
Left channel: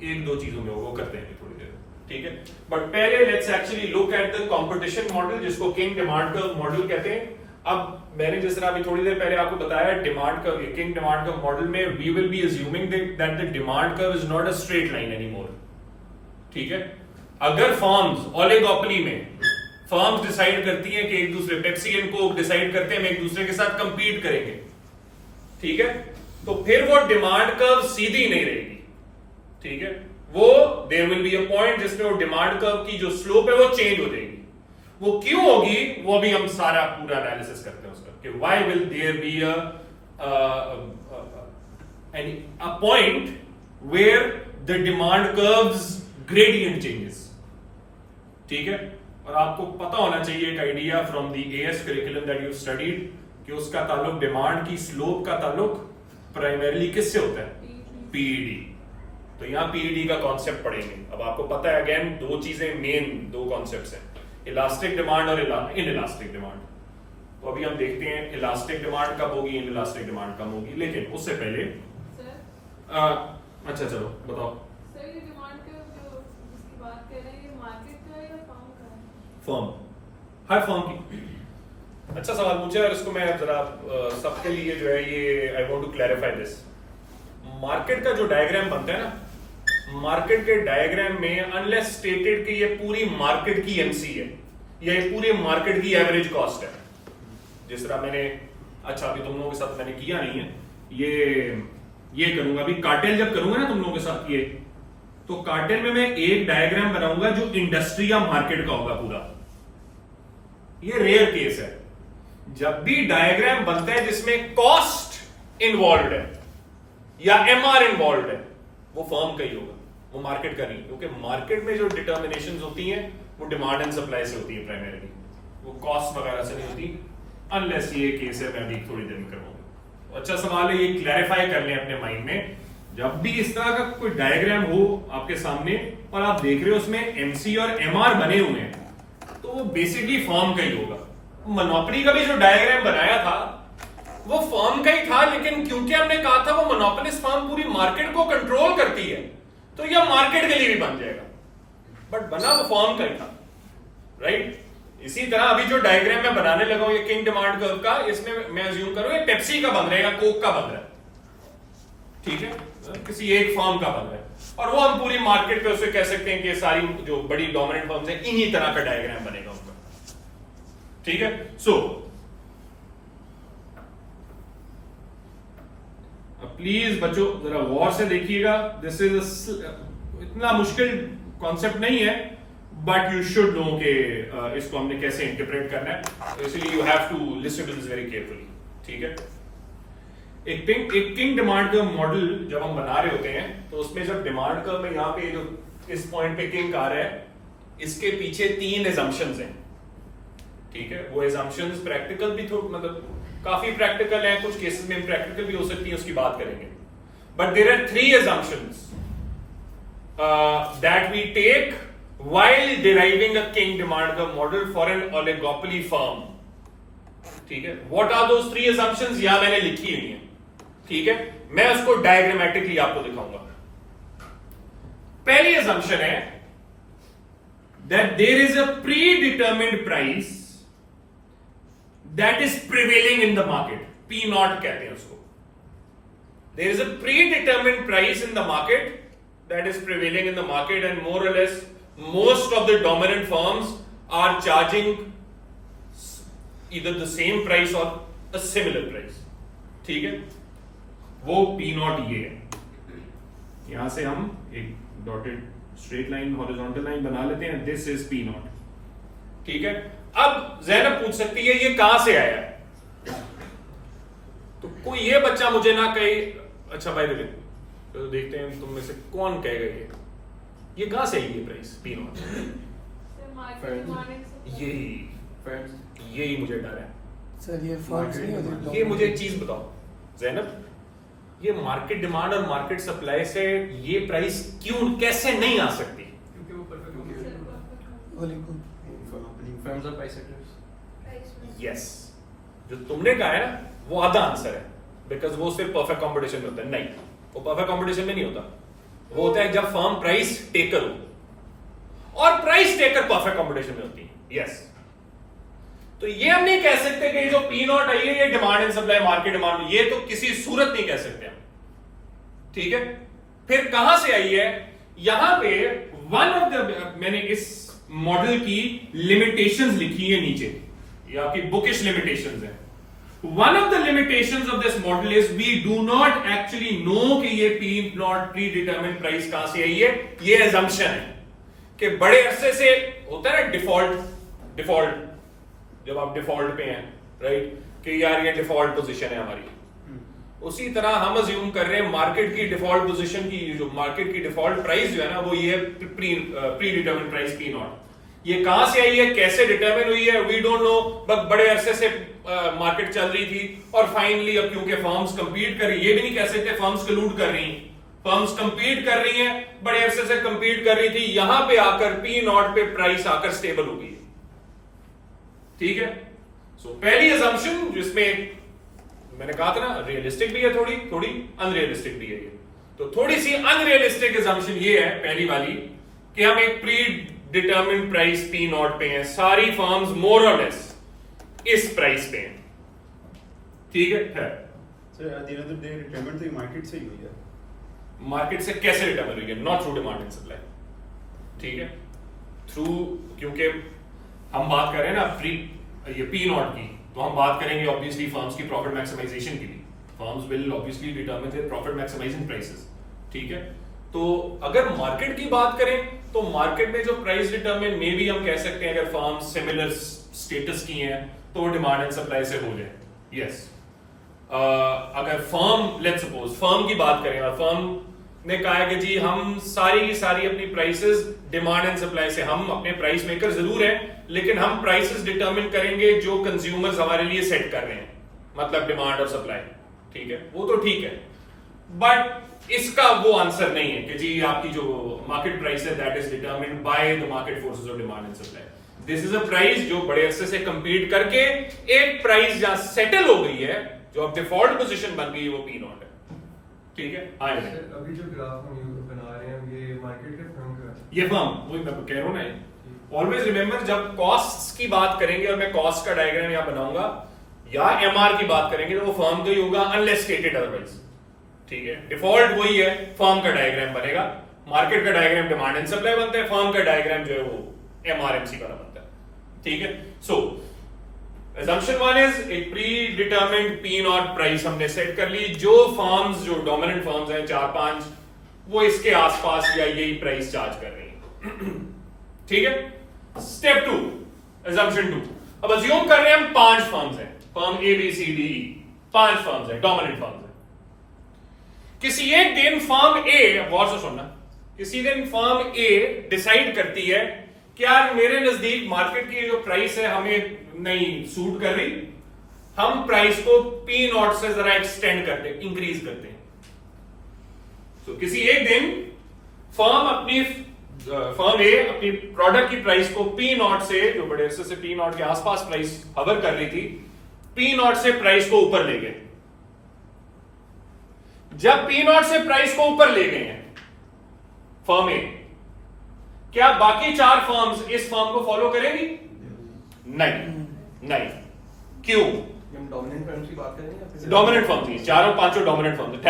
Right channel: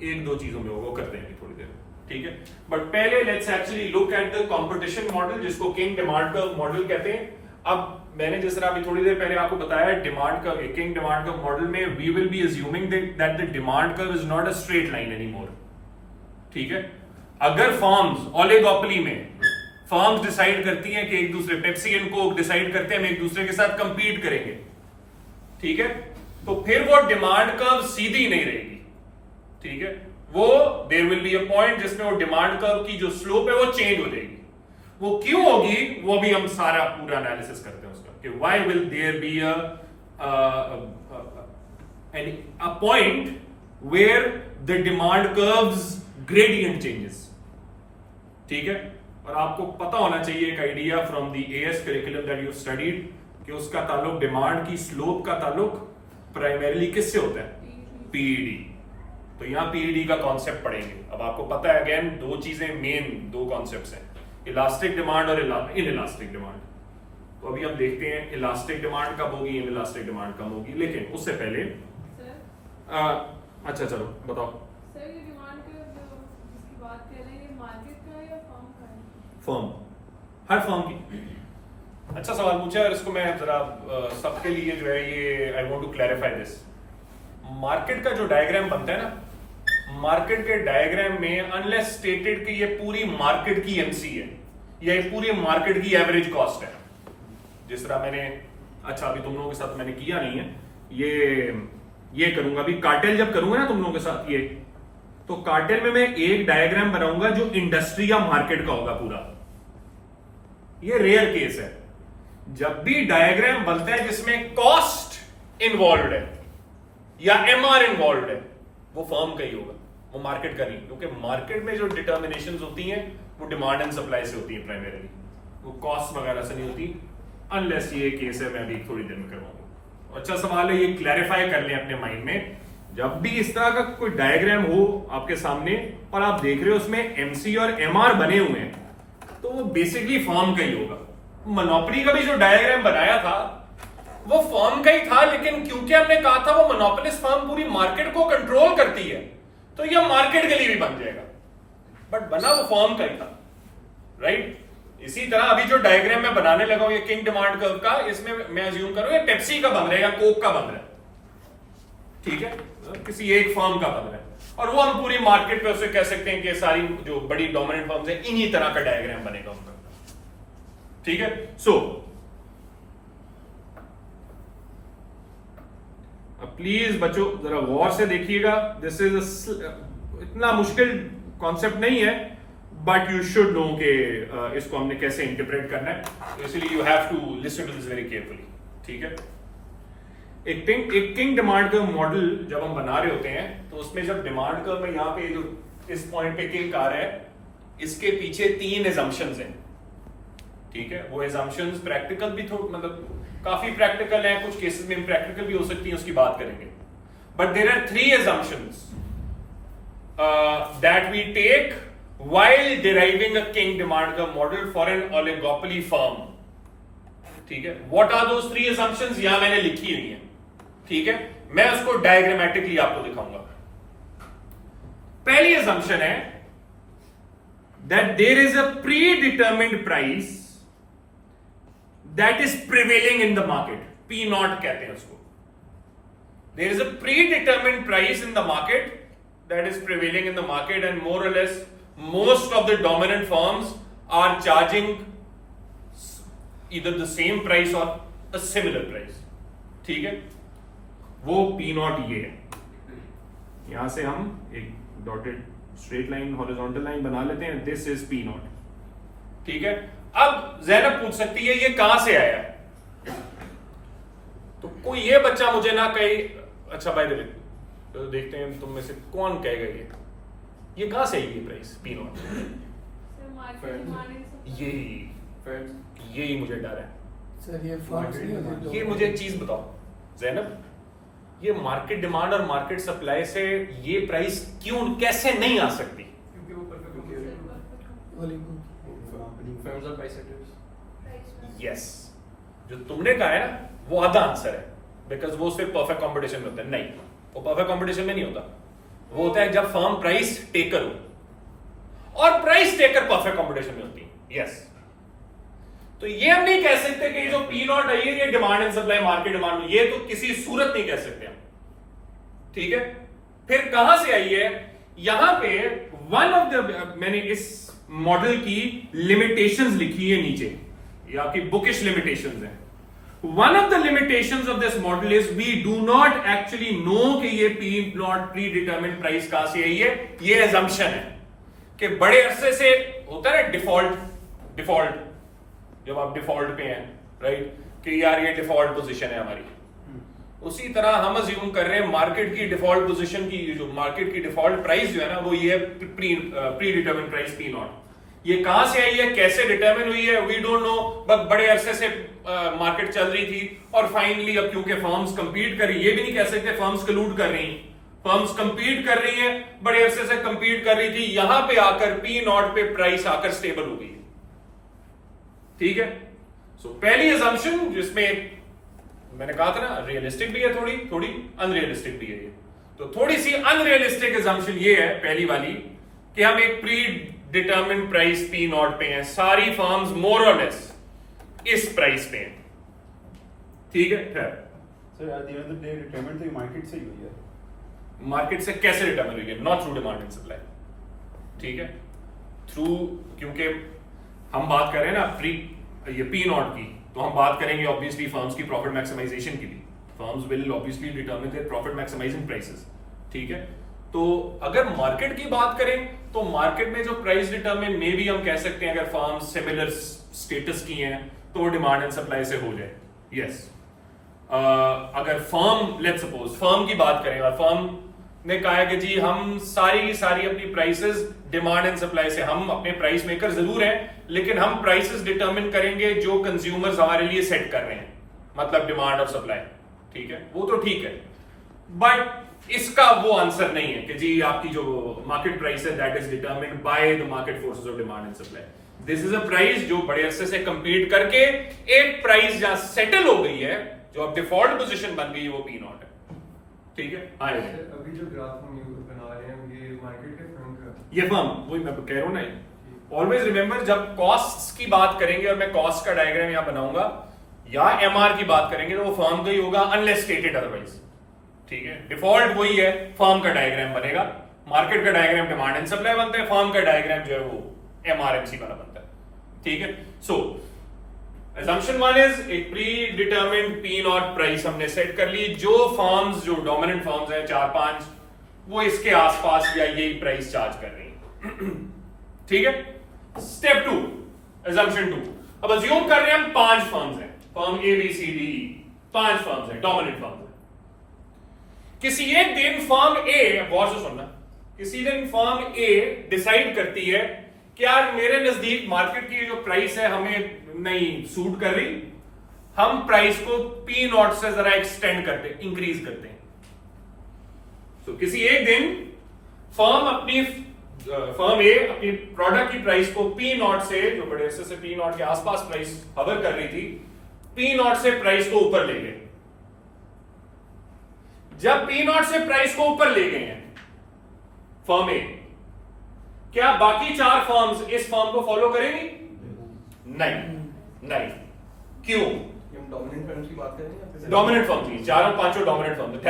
एक दो चीजों में वो करते हैं थोड़ी देर, ठीक है। बट पहले let's actually look at the competition model, जिसको किंग डिमांड कर्व मॉडल कहते हैं। अब मैंने जिस तरह अभी थोड़ी देर पहले आपको बताया, demand curve, kinked demand curve model में we will be assuming that the demand curve is not a straight line anymore, ठीक है। अगर फर्म्स ओलिगोपोली में फर्म्स डिसाइड करती हैं कि एक दूसरे, पेप्सी एंड कोक डिसाइड करते हैं हम एक दूसरे के साथ कंपीट करेंगे, ठीक है, तो फिर वो डिमांड कर्व सीधी नहीं रहेगी, ठीक है, वो there will be a point जिसमें वो डिमांड कर्व की जो स्लोप है वो चेंज हो जाएगी। वो क्यों होगी वो भी हम सारा पूरा एनालिसिस करते हैं उसका, कि why will there be a point where the demand curves gradient changes, ठीक है। और आपको पता होना चाहिए एक idea from the AS curriculum that you studied कि उसका ताल्लुक, डिमांड की स्लोप का ताल्लुक प्राइमरीली किससे होता है? पीईडी। तो यहां पीईडी का कॉन्सेप्ट पढ़ेंगे। अब आपको पता है अगेन दो चीजें मेन, दो कॉन्सेप्ट्स हैं, इलास्टिक डिमांड और इनइलास्टिक डिमांड। तो अभी हम देखते हैं इलास्टिक डिमांड कब होगी, इनइलास्टिक डिमांड कब होगी, लेकिन उससे पहले अच्छा चलो बताओ। सर ये डिमांड के जो इसकी बात कर रहे हैं, ये मार्केट का है या फर्म का है? फर्म, हर फर्म की। अच्छा सवाल पूछा और इसको मैं जरा सबके लिए जो है ये I want to clarify this. Market का जो डायग्राम बनता है ना, मार्केट के डायग्राम में अनलेस स्टेटेड कि ये पूरी मार्केट की एमसी है या ये पूरी मार्केट की एवरेज कॉस्ट है, जिस तरह मैंने, अच्छा अभी तुम लोगों के साथ मैंने किया नहीं है, ये करूंगा अभी, कार्टेल जब करूंगा ना तुम लोगों के साथ ये, तो कार्टेल में मैं एक डायग्राम बनाऊंगा जो इंडस्ट्री या मार्केट का होगा पूरा। ये रेयर केस है। जब भी डायग्राम बनता है जिसमें कॉस्ट इन्वॉल्व है या एमआर इन्वॉल्व है, वो फर्म का ही होगा, वो मार्केट का नहीं, क्योंकि मार्केट में जो डिटर्मिनेशंस होती हैं वो डिमांड एंड सप्लाई से होती है प्राइमरीली, वो कॉस्ट वगैरह से नहीं होती, अनलेस ये केस है, मैं अभी थोड़ी देर में करूंगा। अच्छा सवाल है, ये क्लैरिफाई कर लें अपने माइंड में। जब भी इस तरह का कोई डायग्राम हो आपके सामने और आप देख रहे हो उसमें एमसी और एमआर बने हुए हैं, तो वो बेसिकली फर्म का ही होगा। मोनोपोली का भी जो डायग्राम बनाया था वो फर्म का ही था, लेकिन क्योंकि हमने कहा था वो मोनोपोलिस्ट फर्म पूरी मार्केट को कंट्रोल करती है, तो यह मार्केट के लिए भी बन जाएगा, बट बना वो फर्म का ही था, राइट। इसी तरह अभी जो डायग्राम मैं बनाने लगा हूं ये किंग डिमांड कर्व का, इसमें मैं अज्यूम करूं ये पेप्सी का बन रहा है या कोक का बन रहा है, ठीक है, किसी एक फर्म का बन रहा है, और वो हम पूरी मार्केट पे उसे कह सकते हैं कि सारी जो बड़ी डोमिनेंट फर्म्स हैं इन्हीं तरह का डायग्राम बनेगा उनका, ठीक है। सो प्लीज बच्चों जरा गौर से देखिएगा, दिस इज इतना मुश्किल कॉन्सेप्ट नहीं है, बट यू शुड नो कि इसको हमने कैसे इंटरप्रेट करना है, तो इसलिए you have to listen to this very carefully, ठीक है। एक किंग डिमांड कर्व मॉडल जब हम बना रहे होते हैं, तो उसमें जब डिमांड कर्व में यहाँ पे जो इस पॉइंट पे किंग आ रहा है, इसके पीछे 3 एजम्पशंस हैं, ठीक है। वो एजम्पशंस प्रैक्टिकल भी मतलब काफी प्रैक्टिकल है, कुछ केसेस में इम्प्रैक्टिकल भी हो सकती है, उसकी बात करेंगे। But there are 3 assumptions that we take while deriving a king demand curve model for an oligopoly firm, ठीक है। What are those 3 assumptions? यहां मैंने लिखी हुई है, ठीक है, मैं उसको डायग्रामेटिकली आपको दिखाऊंगा। पहली assumption है that there is a predetermined price that is prevailing in the market, P naught कहते हैं उसको। There is a predetermined price in the market that is prevailing in the market, and more or less most of the dominant firms are charging either the same price or a similar price, ठीक है। वो P naught ये है। यहां से हम एक dotted straight line horizontal line बना लेते हैं, दिस इज P naught, ठीक है। अब ज़ैनब पूछ सकती है ये कहां से आया, तो कोई ये बच्चा मुझे ना कहे, अच्छा भाई तो देखते हैं तुम में से कौन कहेगा ये कहां से आई ये प्राइस P naught, यही मुझे डर है। सर ये मुझे एक चीज बताओ ज़ैनब, ये मार्केट डिमांड और मार्केट सप्लाई से ये प्राइस क्यों कैसे नहीं आ सकती? क्योंकि वो यस, जो तुमने कहा है ना वो आधा आंसर है, बिकॉज वो सिर्फ परफेक्ट कंपटीशन में होता है। नहीं, वो परफेक्ट कंपटीशन में नहीं होता, वो होता है जब फर्म प्राइस टेकर हो, और प्राइस टेकर परफेक्ट कंपटीशन में होती है। यस, तो ये हम नहीं कह सकते कि जो P naught आई है ये demand and supply market demand, ये तो किसी सूरत नहीं कह सकते हम, ठीक है। फिर कहां से आई है, यहां पे वन ऑफ द, मैंने इस मॉडल की लिमिटेशंस लिखी है नीचे, ये आपकी बुकिश लिमिटेशंस है। One of the limitations of this model is we do not actually know कि ये P naught predetermined price कहां से आई है। ये assumption है कि बड़े अरसे से होता है डिफॉल्ट, जब आप डिफॉल्ट पे हैं, राइट, कि यार ये डिफॉल्ट पोजीशन है हमारी, उसी तरह हम अज्यूम कर रहे हैं मार्केट की डिफॉल्ट पोजीशन की, जो मार्केट की डिफॉल्ट प्राइस जो है ना वो ये pre determined price P naught। ये कहां से आई है, कैसे डिटरमिन हुई है, वी डोंट नो, बट बड़े अरसे से मार्केट चल रही थी, और फाइनली अब क्योंकि फर्म्स कंपीट कर रही, ये भी नहीं कह सकते फर्म्स कलूड कर रही, फर्म्स कंपीट कर रही हैं, बड़े अरसे से कंपीट कर रही थी, यहां पे आकर P naught पे प्राइस आकर स्टेबल हो गई, ठीक है। सो पहली असम्पशन जिसमें मैंने कहा था ना रियलिस्टिक भी है, थोड़ी अनरियलिस्टिक भी है ये, तो थोड़ी सी अनरियलिस्टिक असम्पशन ये है पहली वाली कि हम एक pre determined price P naught पे हैं, सारी फर्म्स मोर और लेस इस प्राइस पे हैं, ठीक है। Sir at the end of the day determine तो मार्केट से ही हुई है, मार्केट से कैसे डिटरमिन हुई है, not through demand and supply, ठीक है, थ्रू, क्योंकि हम बात कर रहे हैं ना प्री ये P naught की, तो हम बात करेंगे ऑब्वियसली फर्म्स की प्रॉफिट मैक्सिमाइजेशन की भी, firms will obviously determine their profit maximising prices, ठीक है। तो अगर मार्केट की बात करें तो मार्केट में जो प्राइस डिटरमिन में भी हम कह सकते हैं अगर फर्म्स सिमिलर स्टेटस की हैं तो वो डिमांड एंड सप्लाई से हो जाए। यस, अगर फर्म लेट्स सपोज फर्म की बात करें और फर्म ने कहा है कि जी हम सारी अपनी प्राइसेस डिमांड एंड सप्लाई से, हम अपने प्राइस मेकर जरूर हैं लेकिन हम प्राइसेस डिटरमिन करेंगे जो कंज्यूमर्स हमारे लिए सेट कर रहे हैं, मतलब डिमांड और सप्लाई, ठीक है, वो तो ठीक है, बट इसका वो आंसर नहीं है कि जी आपकी जो मार्केट प्राइस है that is determined by the market forces of demand and supply. This is a price जो बड़े अरसे से कंपीट करके एक प्राइस जहां सेटल हो गई है, जो अब डिफॉल्ट पोजीशन बन गई है, वो P naught है, ठीक है। अभी जो ग्राफ हम बना रहे हैं ये मार्केट के फर्म का, ये फर्म, वही मैं कह रहा हूं ना, ऑलवेज रिमेंबर जब कॉस्ट्स की बात करेंगे और मैं कॉस्ट का डायग्राम यहां बनाऊंगा या MR की बात करेंगे तो वो फर्म का ही होगा अनलेस स्टेटेड अदरवाइज, ठीक है। डिफॉल्ट वही है, फर्म का डायग्राम बनेगा, मार्केट का डायग्राम डिमांड एंड सप्लाई बनता है, फर्म का डायग्राम जो है वो MRMC वाला बनता है, ठीक है। सो assumption one is एक pre determined P naught price हमने सेट कर ली, जो फर्म्स जो डोमिनेंट फर्म्स हैं 4-5 वो इसके आसपास या यही प्राइस चार्ज कर रही हैं ठीक है। Step 2, assumption 2। अब अज्यूम कर रहे हैं हम 5 फर्म्स हैं, firm A B C D, 5 firms हैं, डोमिनेंट फर्म्स हैं। किसी एक दिन फर्म ए, गौर से सुनना, किसी दिन फर्म ए डिसाइड करती है कि यार मेरे नजदीक मार्केट की जो प्राइस है हमें नहीं सूट कर रही, हम प्राइस को पी नॉट से जरा एक्सटेंड करते, इंक्रीज करते हैं। तो किसी एक दिन फर्म ए अपनी प्रोडक्ट की प्राइस को पी नॉट से, जो बड़े से पी नॉट के आसपास प्राइस हवर कर रही थी, पी नॉट से प्राइस को ऊपर ले गए। जब पी नॉट से प्राइस को ऊपर ले गए हैं फर्म ए, क्या बाकी 4 फर्म्स इस फर्म को फॉलो करेंगी? नहीं। क्यों? हम डोमिनेंट फर्म्स की बात कर रहे हैं या फिर डोमिनेंट फर्म थी, 4 और 5 डोमिनेंट फर्म थे।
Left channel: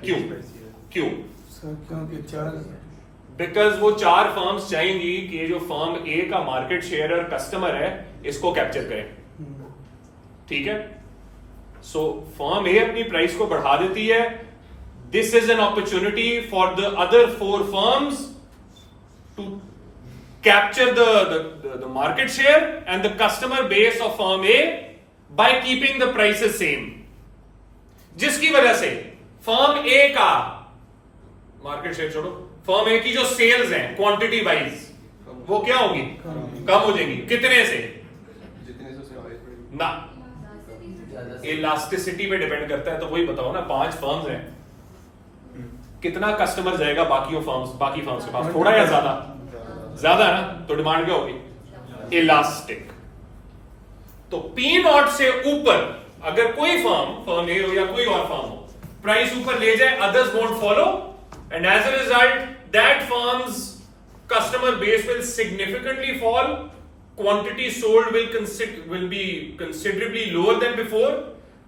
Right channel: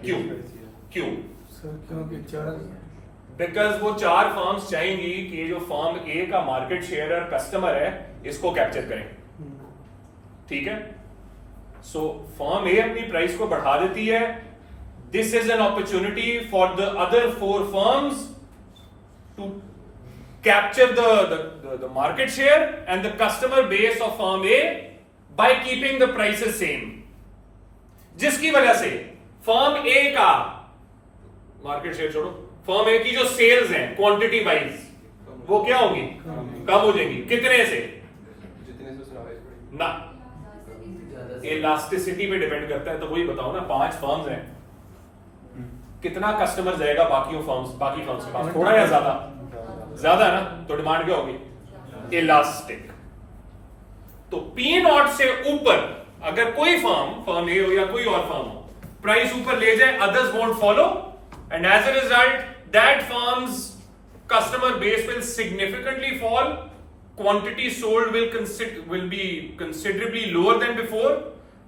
क्यों? सर क्योंकि 4 बिकॉज वो 4 फर्म्स चाहेंगी कि ये जो फर्म ए का मार्केट शेयर और कस्टमर है इसको कैप्चर करें। ठीक है। सो फर्म ए अपनी प्राइस को बढ़ा देती है। This is an opportunity for the other 4 firms to capture the market share and the customer base of firm A by keeping the prices same, जिसकी वजह से फर्म ए का मार्केट शेयर छोड़ो, फर्म ए की जो सेल्स हैं क्वांटिटी वाइज वो क्या होगी? कम हो जाएंगी। कितने से? जितने से सर्वाइव करेंगे ना, इलास्टिसिटी पे डिपेंड करता है। तो वही बताओ ना, 5 फर्म्स हैं, कितना कस्टमर जाएगा बाकी फर्म्स के पास? थोड़ा या ज्यादा ना, तो डिमांड क्या होगी? इलास्टिक। तो पी नॉट से ऊपर अगर कोई फर्म ए हो या कोई और फर्म हो, प्राइस ऊपर ले जाए, others won't follow, and as a result that firm's customer base will significantly fall, quantity sold will be considerably lower than before,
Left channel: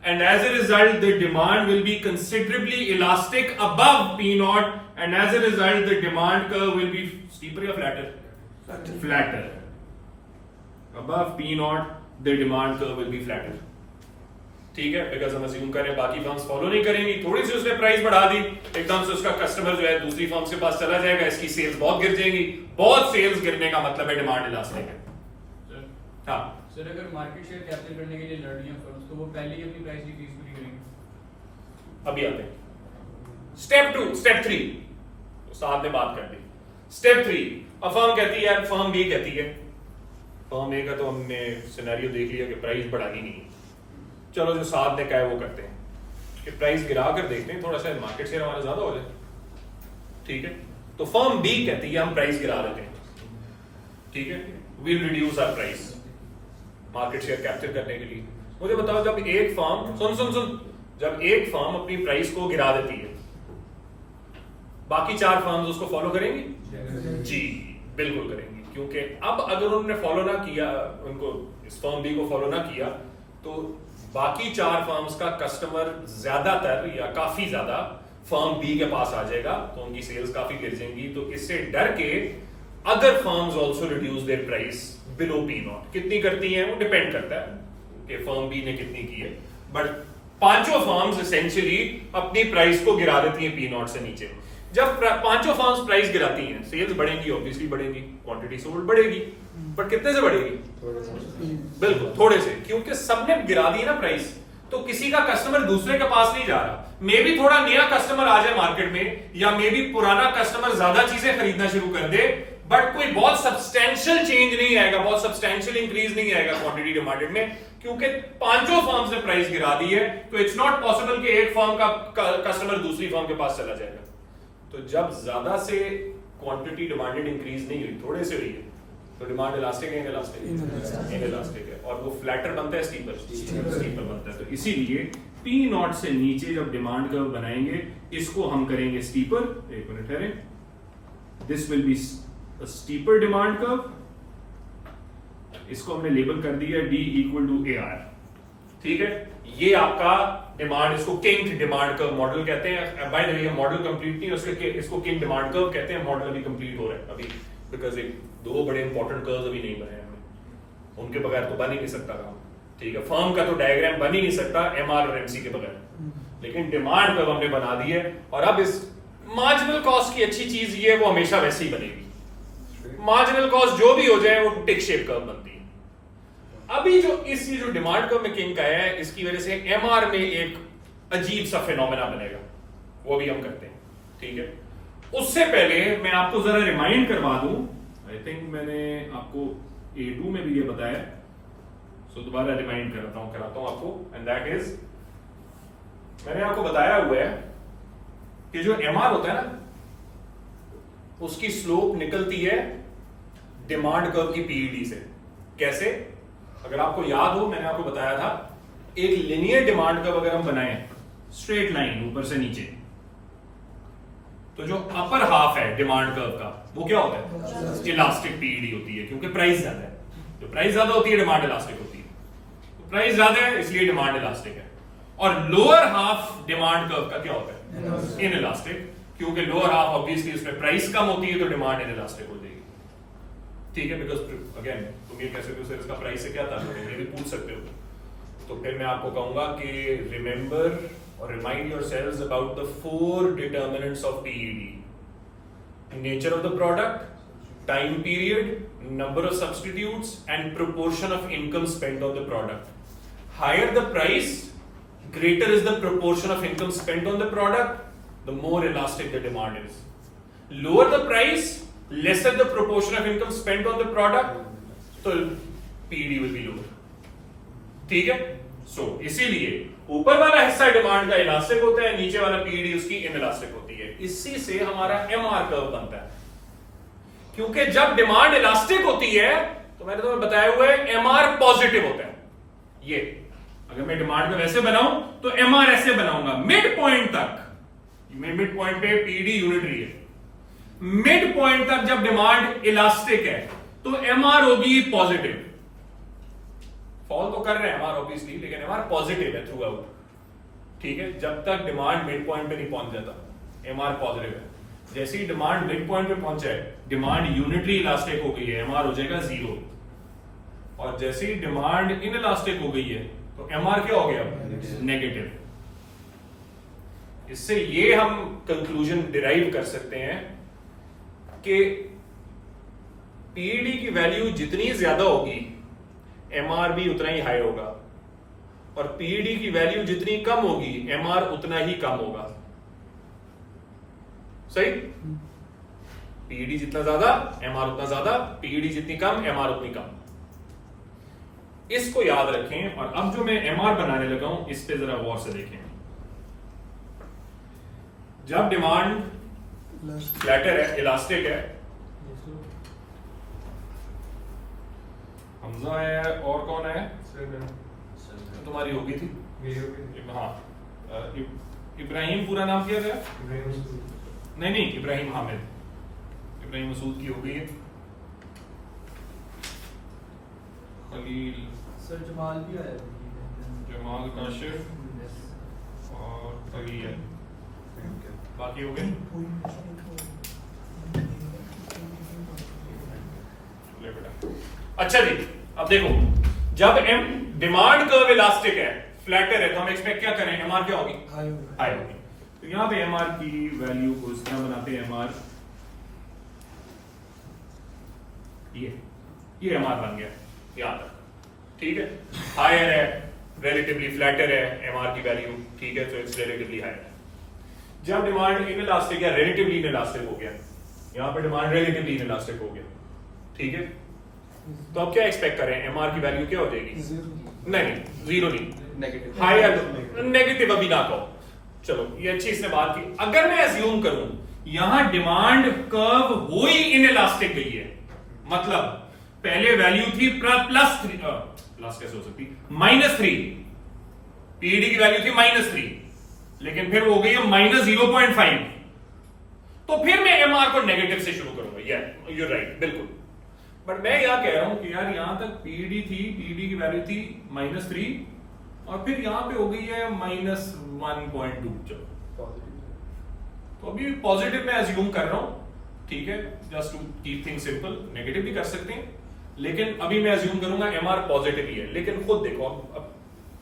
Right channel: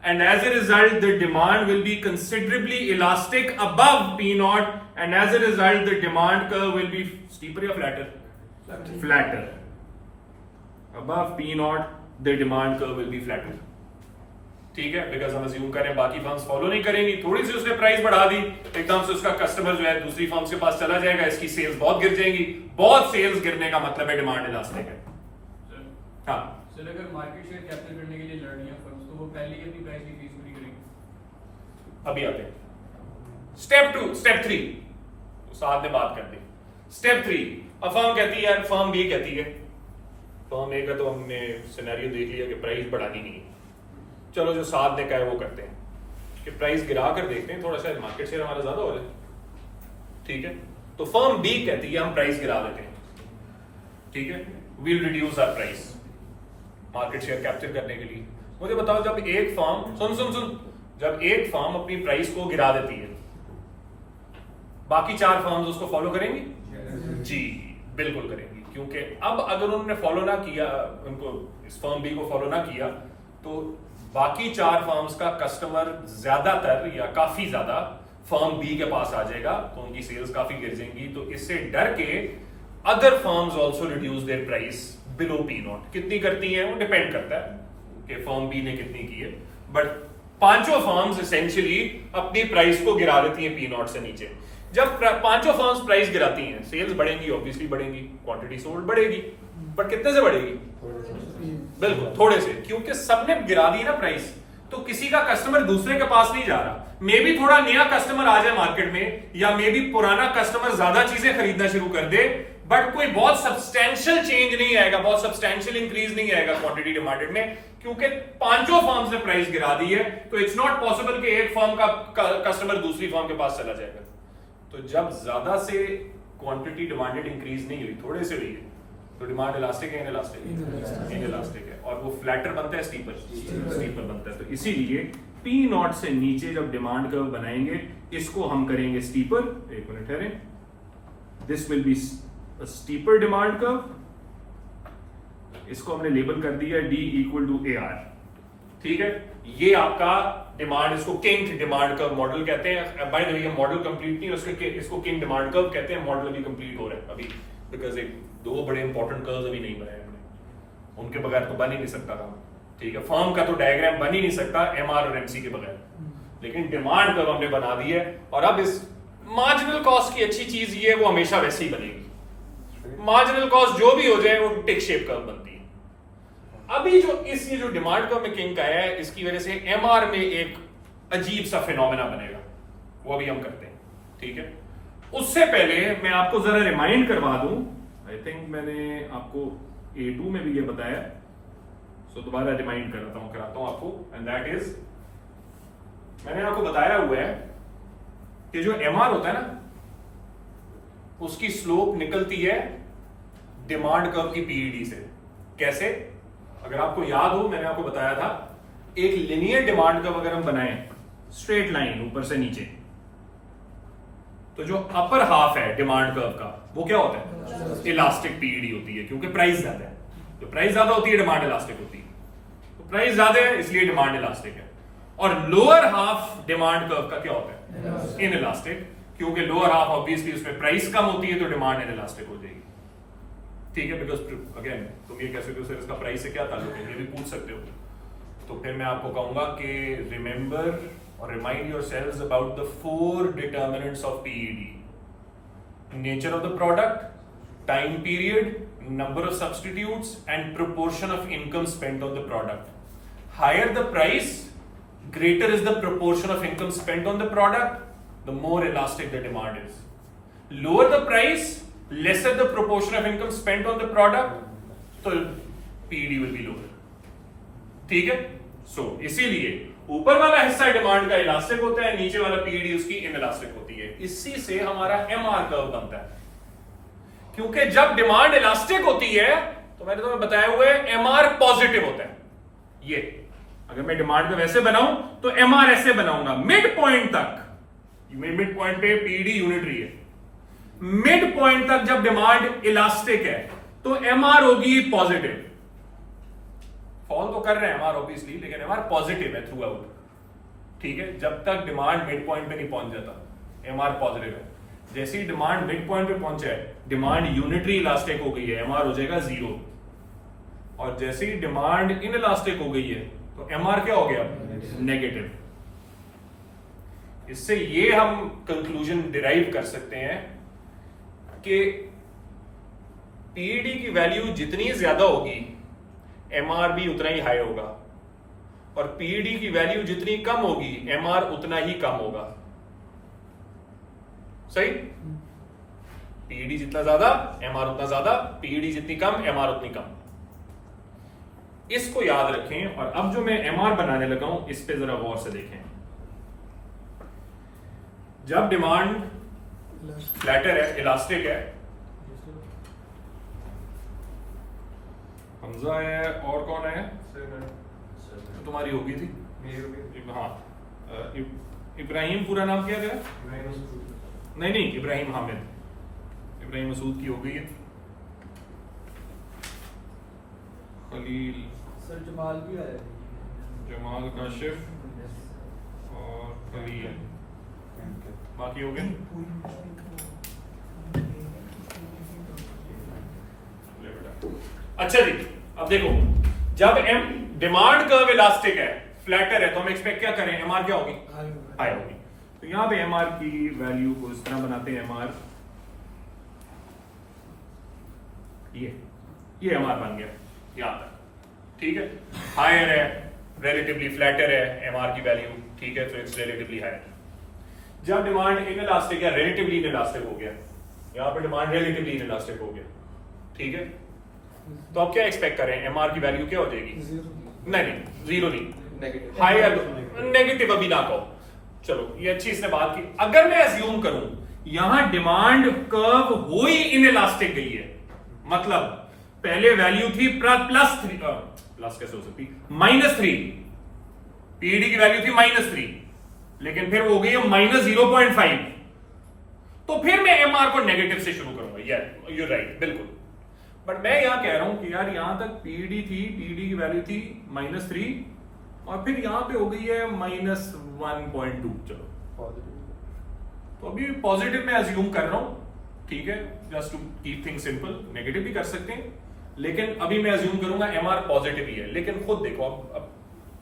and as a result the demand will be considerably elastic above P naught, and as a result the demand curve will be steeper or flatter. Above P naught the demand curve will be flatter. ठीक है, बिकॉज हम अज्यूम करें बाकी फर्म्स फॉलो नहीं करेंगी, थोड़ी सी उसने प्राइस बढ़ा दी, एकदम से उसका कस्टमर जो है दूसरी फर्म्स के पास चला जाएगा, इसकी सेल्स बहुत गिर जाएंगी। बहुत सेल्स गिरने का मतलब है डिमांड इलास्टिक है। हाँ सर, अगर मार्केट शेयर कैप्चर करने के लिए लड़ रही है फर्म्स, तो वो पहले ही अपनी प्राइस डिक्रीज पूरी करेंगे। अभी आते हैं स्टेप 3, साथ में बात कर दी। स्टेप 3, अब फर्म कहती है, फर्म बी कहती है, फर्म ए का तो हमने सिनेरियो देख लिया कि प्राइस बढ़ानी नहीं है, चलो जो साथ ने कहा है वो करते हैं कि प्राइस गिरा कर देखते हैं, थोड़ा सा मार्केट शेयर हमारा ज्यादा हो जाए। ठीक है, तो फर्म बी कहती है हम प्राइस गिरा देते हैं। ठीक है, will reduce our price market share capture करने के लिए। मुझे बताओ, जब एक फर्म सुन जब एक फर्म अपनी प्राइस को गिरा देती है, बाकी 4 फर्म्स उसको फॉलो करेंगी? जी बिल्कुल करेंगी, क्योंकि अब अगर उन्होंने फॉलो ना किया, उनको इस फर्म बी को फॉलो ना किया, तो बाकी 4 फर्म्स का कस्टमर ज्यादातर या काफी ज्यादा फर्म बी के पास आ जाएगा, तो उनकी सेल्स काफी गिर जाएंगी। तो इससे डर के other firms also reduce there price below P not. कितनी करती हैं वो डिपेंड करता है कि फर्म बी ने कितनी की है, बट 5 फर्म्स एसेंशियली अपनी प्राइस को गिरा देती हैं पी नॉट से नीचे। जब 5 फर्म्स प्राइस गिराती हैं, सेल्स बढ़ेंगी, ऑब्वियसली बढ़ेंगी, क्वांटिटी सोल्ड बढ़ेगी, बट कितने से बढ़ेगी? बिल्कुल थोड़े से, क्योंकि सबने गिरा दी ना प्राइस, तो किसी का कस्टमर दूसरे के पास नहीं जा रहा। मे भी थोड़ा नया कस्टमर आ जाए मार्केट में, या मे भी पुराना कस्टमर ज्यादा चीजें खरीदना शुरू कर दे, बट कोई बहुत सब्सटेंशियल चेंज नहीं आएगा, बहुत सब्सटेंशियल इंक्रीज नहीं आएगा क्वांटिटी डिमांडेड में, क्योंकि 5 फर्म्स ने प्राइस गिरा दी है। तो इट्स नॉट पॉसिबल कि एक फर्म का कस्टमर दूसरी फर्म के पास चला जाएगा। तो जब ज्यादा से क्वांटिटी डिमांडेड इंक्रीज नहीं हुई, थोड़े से हुई है, तो डिमांड इलास्टिक है, इनइलास्टिक है, और वो फ्लैटर बनता है, स्टीपर बनता है। तो इसीलिए पी नॉट से नीचे जब डिमांड कर्व बनाएंगे, इसको हम करेंगे स्टीपर। एक मिनट ठहरे, this will be steeper demand curve, इसको हमने लेबल कर दिया D इक्वल टू AR। ठीक है, ये आपका डिमांड, इसको किंग डिमांड कर्व मॉडल कहते हैं। By the way, model complete नहीं, उसके इसको किंग डिमांड कर्व कहते हैं। मॉडल अभी कंप्लीट हो रहा है अभी, बिकॉज 2 बड़े इंपॉर्टेंट कर्व्स अभी नहीं बनाए हमने, उनके बगैर तो बन ही नहीं सकता काम। ठीक है, फर्म का तो डायग्राम बन ही नहीं सकता MR और MC के बगैर, लेकिन डिमांड कर्व हमने बना दी है। और अब इस मार्जिनल कॉस्ट की अच्छी चीज ये है, वो हमेशा वैसे ही बनेगी। मार्जिनल कॉस्ट जो भी हो जाए वो टिक शेप कर्व बनती है। अभी जो ये जो डिमांड कर्व में किंक आया है, इसकी वजह से एमआर में एक अजीब सा फिनोमेना बनेगा, वो भी हम करते हैं, ठीक है। उससे पहले मैं आपको जरा रिमाइंड करवा दूं, आई थिंक मैंने आपको A2 में भी ये बताया, सो दोबारा रिमाइंड कराता हूं आपको, एंड दैट इज, मैंने आपको बताया हुआ है कि जो एमआर होता है ना, उसकी स्लोप निकलती है डिमांड कर्व की पीईडी से। कैसे? अगर आपको याद हो, मैंने आपको बताया था, एक लिनियर डिमांड कर्व अगर हम बनाएं, स्ट्रेट लाइन ऊपर से नीचे, तो जो अपर हाफ है डिमांड कर्व का वो क्या होता है? इलास्टिक पीईडी होती है, क्योंकि प्राइस ज्यादा है। तो प्राइस ज्यादा होती है, डिमांड इलास्टिक होती है। तो प्राइस ज्यादा है इसलिए डिमांड इलास्टिक है। और लोअर हाफ डिमांड कर्व का क्या होता है? इन इलास्टिक, क्योंकि लोअर हाफ ऑब्वियसली उसमें प्राइस कम होती है तो डिमांड इन इलास्टिक हो जाएगी, ठीक है। बिकॉज अगेन तुम ये कह सकते हो सर इसका प्राइस से क्या ताल्लुक है, ये भी पूछ सकते हो। तो फिर मैं आपको कहूंगा कि रिमेंबर और remind yourselves about the 4 determinants of PED: nature of the product, time period, number of substitutes and proportion of income spent on the product. Higher the price, greater is the proportion of income spent on the product, the more elastic the demand is. Lower the price, lesser the proportion of income spent on the product, so PED will be lower. ठीक है? So इसीलिए ऊपर वाला हिस्सा डिमांड का इलास्टिक होता है, नीचे वाला PED उसकी इनइलास्टिक होती है। इसी से हमारा MR कर्व बनता है, क्योंकि जब डिमांड इलास्टिक होती है तो मैंने तुम्हें बताया हुआ है MR पॉजिटिव होता है। ये अगर मैं डिमांड को वैसे बनाऊं तो एमआर ऐसे बनाऊंगा मिड पॉइंट तक, मिड पॉइंट पे पीडी यूनिटरी है, मिड पॉइंट तक जब डिमांड इलास्टिक है तो एमआर होगी पॉजिटिव। फॉल तो कर रहे हैं एमआर ऑब्वियसली, लेकिन एमआर पॉजिटिव है थ्रू आउट, ठीक है। जब तक डिमांड मिड पॉइंट पे नहीं पहुंच जाता एमआर पॉजिटिव है। जैसे ही डिमांड मिड पॉइंट पे पहुंचा है, डिमांड यूनिटरी इलास्टिक हो गई है, एमआर हो जाएगा 0। और जैसे ही डिमांड इन इलास्टिक हो गई है तो एमआर क्या हो गया? नेगेटिव। इससे ये हम कंक्लूजन डिराइव कर सकते हैं कि पीईडी की वैल्यू जितनी ज्यादा होगी एमआर भी उतना ही हाई होगा, और पीईडी की वैल्यू जितनी कम होगी एमआर उतना ही कम होगा। सही? पीईडी जितना ज्यादा एमआर उतना ज्यादा, पीईडी जितनी कम एमआर उतनी कम। इसको याद रखें। और अब जो मैं एमआर बनाने लगा हूं, इस पे जरा गौर से देखें। जब डिमांड फ्लैटर है, इलास्टिक है, हमजा है और कौन है? तुम्हारी होगी थी, हाँ, इब्राहिम पूरा नाम क्या है? नहीं, इब्राहिम हामिद, इब्राहिम मसूद की हो गई है। खलील, सर जमाल भी आया, जमाल काशिफ और खलील, बाकी हो गए। अच्छा जी, अब देखो, जब एम डिमांड कर्व इलास्टिक है, फ्लैटर है, तो हम एक्सपेक्ट क्या करें? एमआर क्या होगी? हाई होगी। तो यहां पे एमआर की वैल्यू को इस तरह बनाते हैं, एमआर ये एमआर बन गया यहां तक, ठीक है। हायर है, रिलेटिवली फ्लैटर है एमआर की वैल्यू, ठीक है, तो इट्स रिलेटिवली हायर। जब डिमांड इनइलास्टिक या रिलेटिवली इनइलास्टिक हो गया, यहां पे डिमांड रिलेटिवली इनइलास्टिक हो गया, ठीक है, तो अब क्या एक्सपेक्ट करें? एमआर की वैल्यू क्या हो जाएगी? नहीं, 0 नहीं, हायर, नेगेटिव अभी ना कहो, चलो ये अच्छी इसने बात की। अगर मैं अज्यूम करूं यहां डिमांड कर्व हो ही इनइलास्टिक गई है, मतलब पहले वैल्यू थी +3, प्लस कैसे हो सकती? -3, पीडी की वैल्यू थी -3, लेकिन फिर वो हो गई है -0.5, तो फिर मैं एमआर को नेगेटिव से शुरू करूंगा। यू राइट, बिल्कुल। बट मैं यहां कह रहा हूं कि यार यहां तक पीडी थी, पीडी की वैल्यू थी -3, और फिर यहां पे हो गई है -1.2, चलो तो अभी पॉजिटिव मैं अज्यूम कर रहा हूं, ठीक है, just to keep things simple. Negative भी कर सकते हैं, लेकिन अभी मैं अज्यूम करूंगा एमआर पॉजिटिव ही है। लेकिन खुद देखो, अब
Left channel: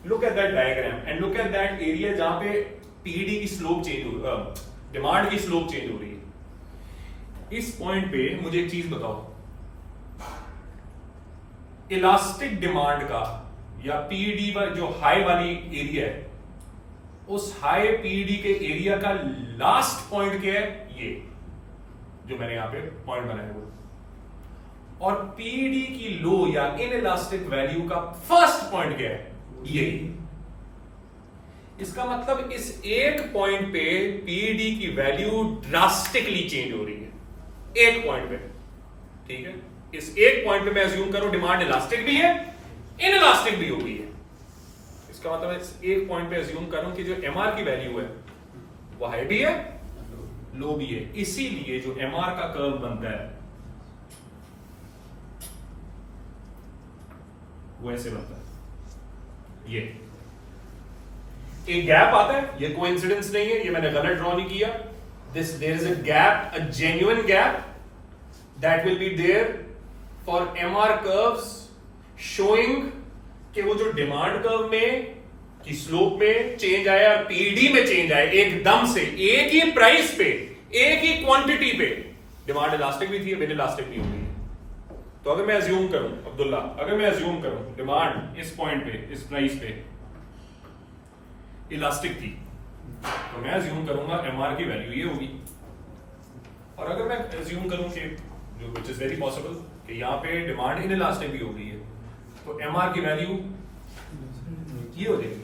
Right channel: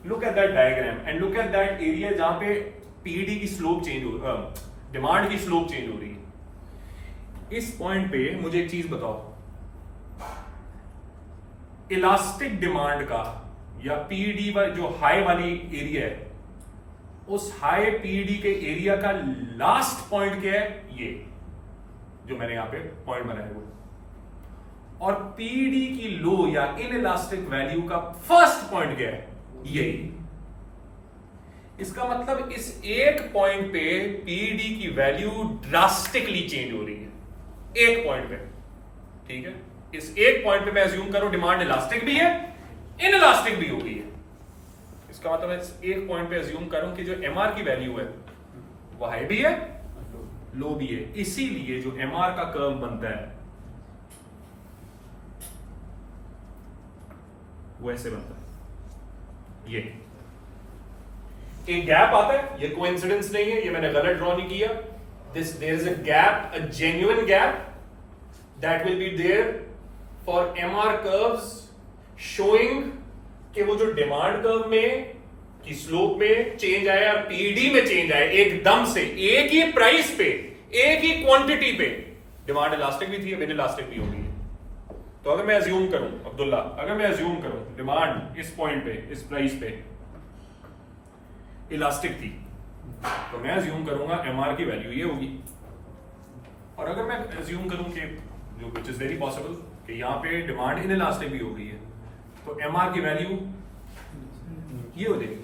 look at that diagram and look at that area जहां पे पीडी की स्लोप चेंज हो, डिमांड की स्लोप चेंज हो रही है। इस पॉइंट पे मुझे एक चीज बताओ, इलास्टिक डिमांड का या पीडी जो हाई वाली एरिया है, उस हाई पीडी के एरिया का लास्ट पॉइंट क्या है, ये जो मैंने यहां पे पॉइंट बनाया वो, और पीडी की लो या इन इलास्टिक वैल्यू का फर्स्ट पॉइंट क्या है, यही। इसका मतलब इस एक पॉइंट पे पीडी की वैल्यू ड्रास्टिकली चेंज हो रही है, एक पॉइंट पे, ठीक है। इस एक पॉइंट पे मैं अज्यूम करूं डिमांड इलास्टिक भी है, इन इलास्टिक भी हो गई है। इसका मतलब इस एक पॉइंट पे अज्यूम करूं कि जो एमआर की वैल्यू है वो हाई भी है, लो भी है। इसीलिए जो एमआर का कर्व बनता है वो ऐसे बनता है, ये एक गैप आता है, ये कोइंसिडेंस नहीं है, ये मैंने गलत ड्रॉ नहीं किया। There is a gap, a genuine gap that will be there for MR curves showing कि वो जो डिमांड कर्व में की स्लोप में चेंज आया और पीडी में चेंज आया एकदम से, एक ही प्राइस पे, एक ही क्वांटिटी पे डिमांड इलास्टिक भी थी, बिन इलास्टिक भी हो गई है। तो अगर मैं अज्यूम करूं अब्दुल्ला, अगर मैं अज्यूम करूं डिमांड इस पॉइंट पे, इस प्राइस पे इलास्टिक थी, तो मैं अज्यूम करूंगा एमआर की वैल्यू ये होगी। और अगर मैं अज्यूम करूं कि जो विच इज वेरी पॉसिबल कि यहां पे डिमांड इन इलास्टिक भी हो गई है, तो एमआर की वैल्यू ये हो जाएगी।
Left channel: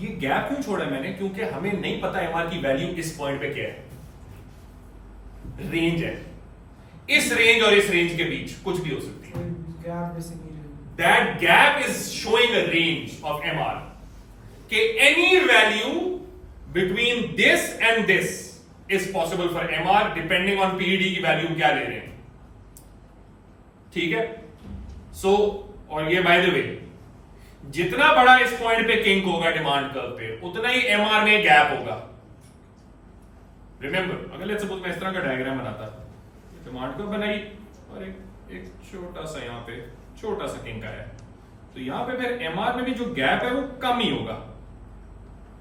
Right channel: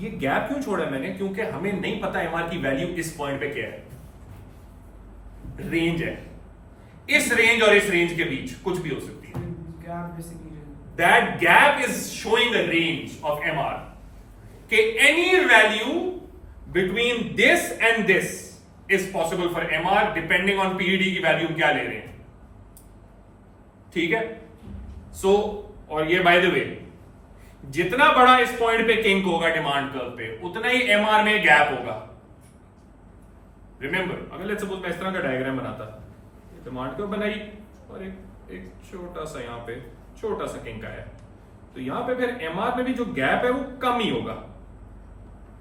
ये गैप क्यों छोड़ा मैंने, क्योंकि हमें नहीं पता एमआर की वैल्यू इस पॉइंट पे क्या है, रेंज है, इस रेंज और इस रेंज के बीच कुछ भी हो सकती है। That gap is showing a range of MR कि any value between this and this is possible for MR depending on PD की वैल्यू क्या ले रहे हैं, ठीक है। सो और ये बाय द वे, जितना बड़ा इस पॉइंट पे किंक होगा डिमांड कर्व पे, उतना ही एमआर में गैप होगा। रिमेंबर, अगर लेट्स सपोज मैं इस तरह का डायग्राम बनाता, डिमांड कर्व बनाई और एक छोटा सा यहां पे छोटा सा किंक आया, तो यहां पे फिर एमआर में भी जो गैप है वो कम ही होगा,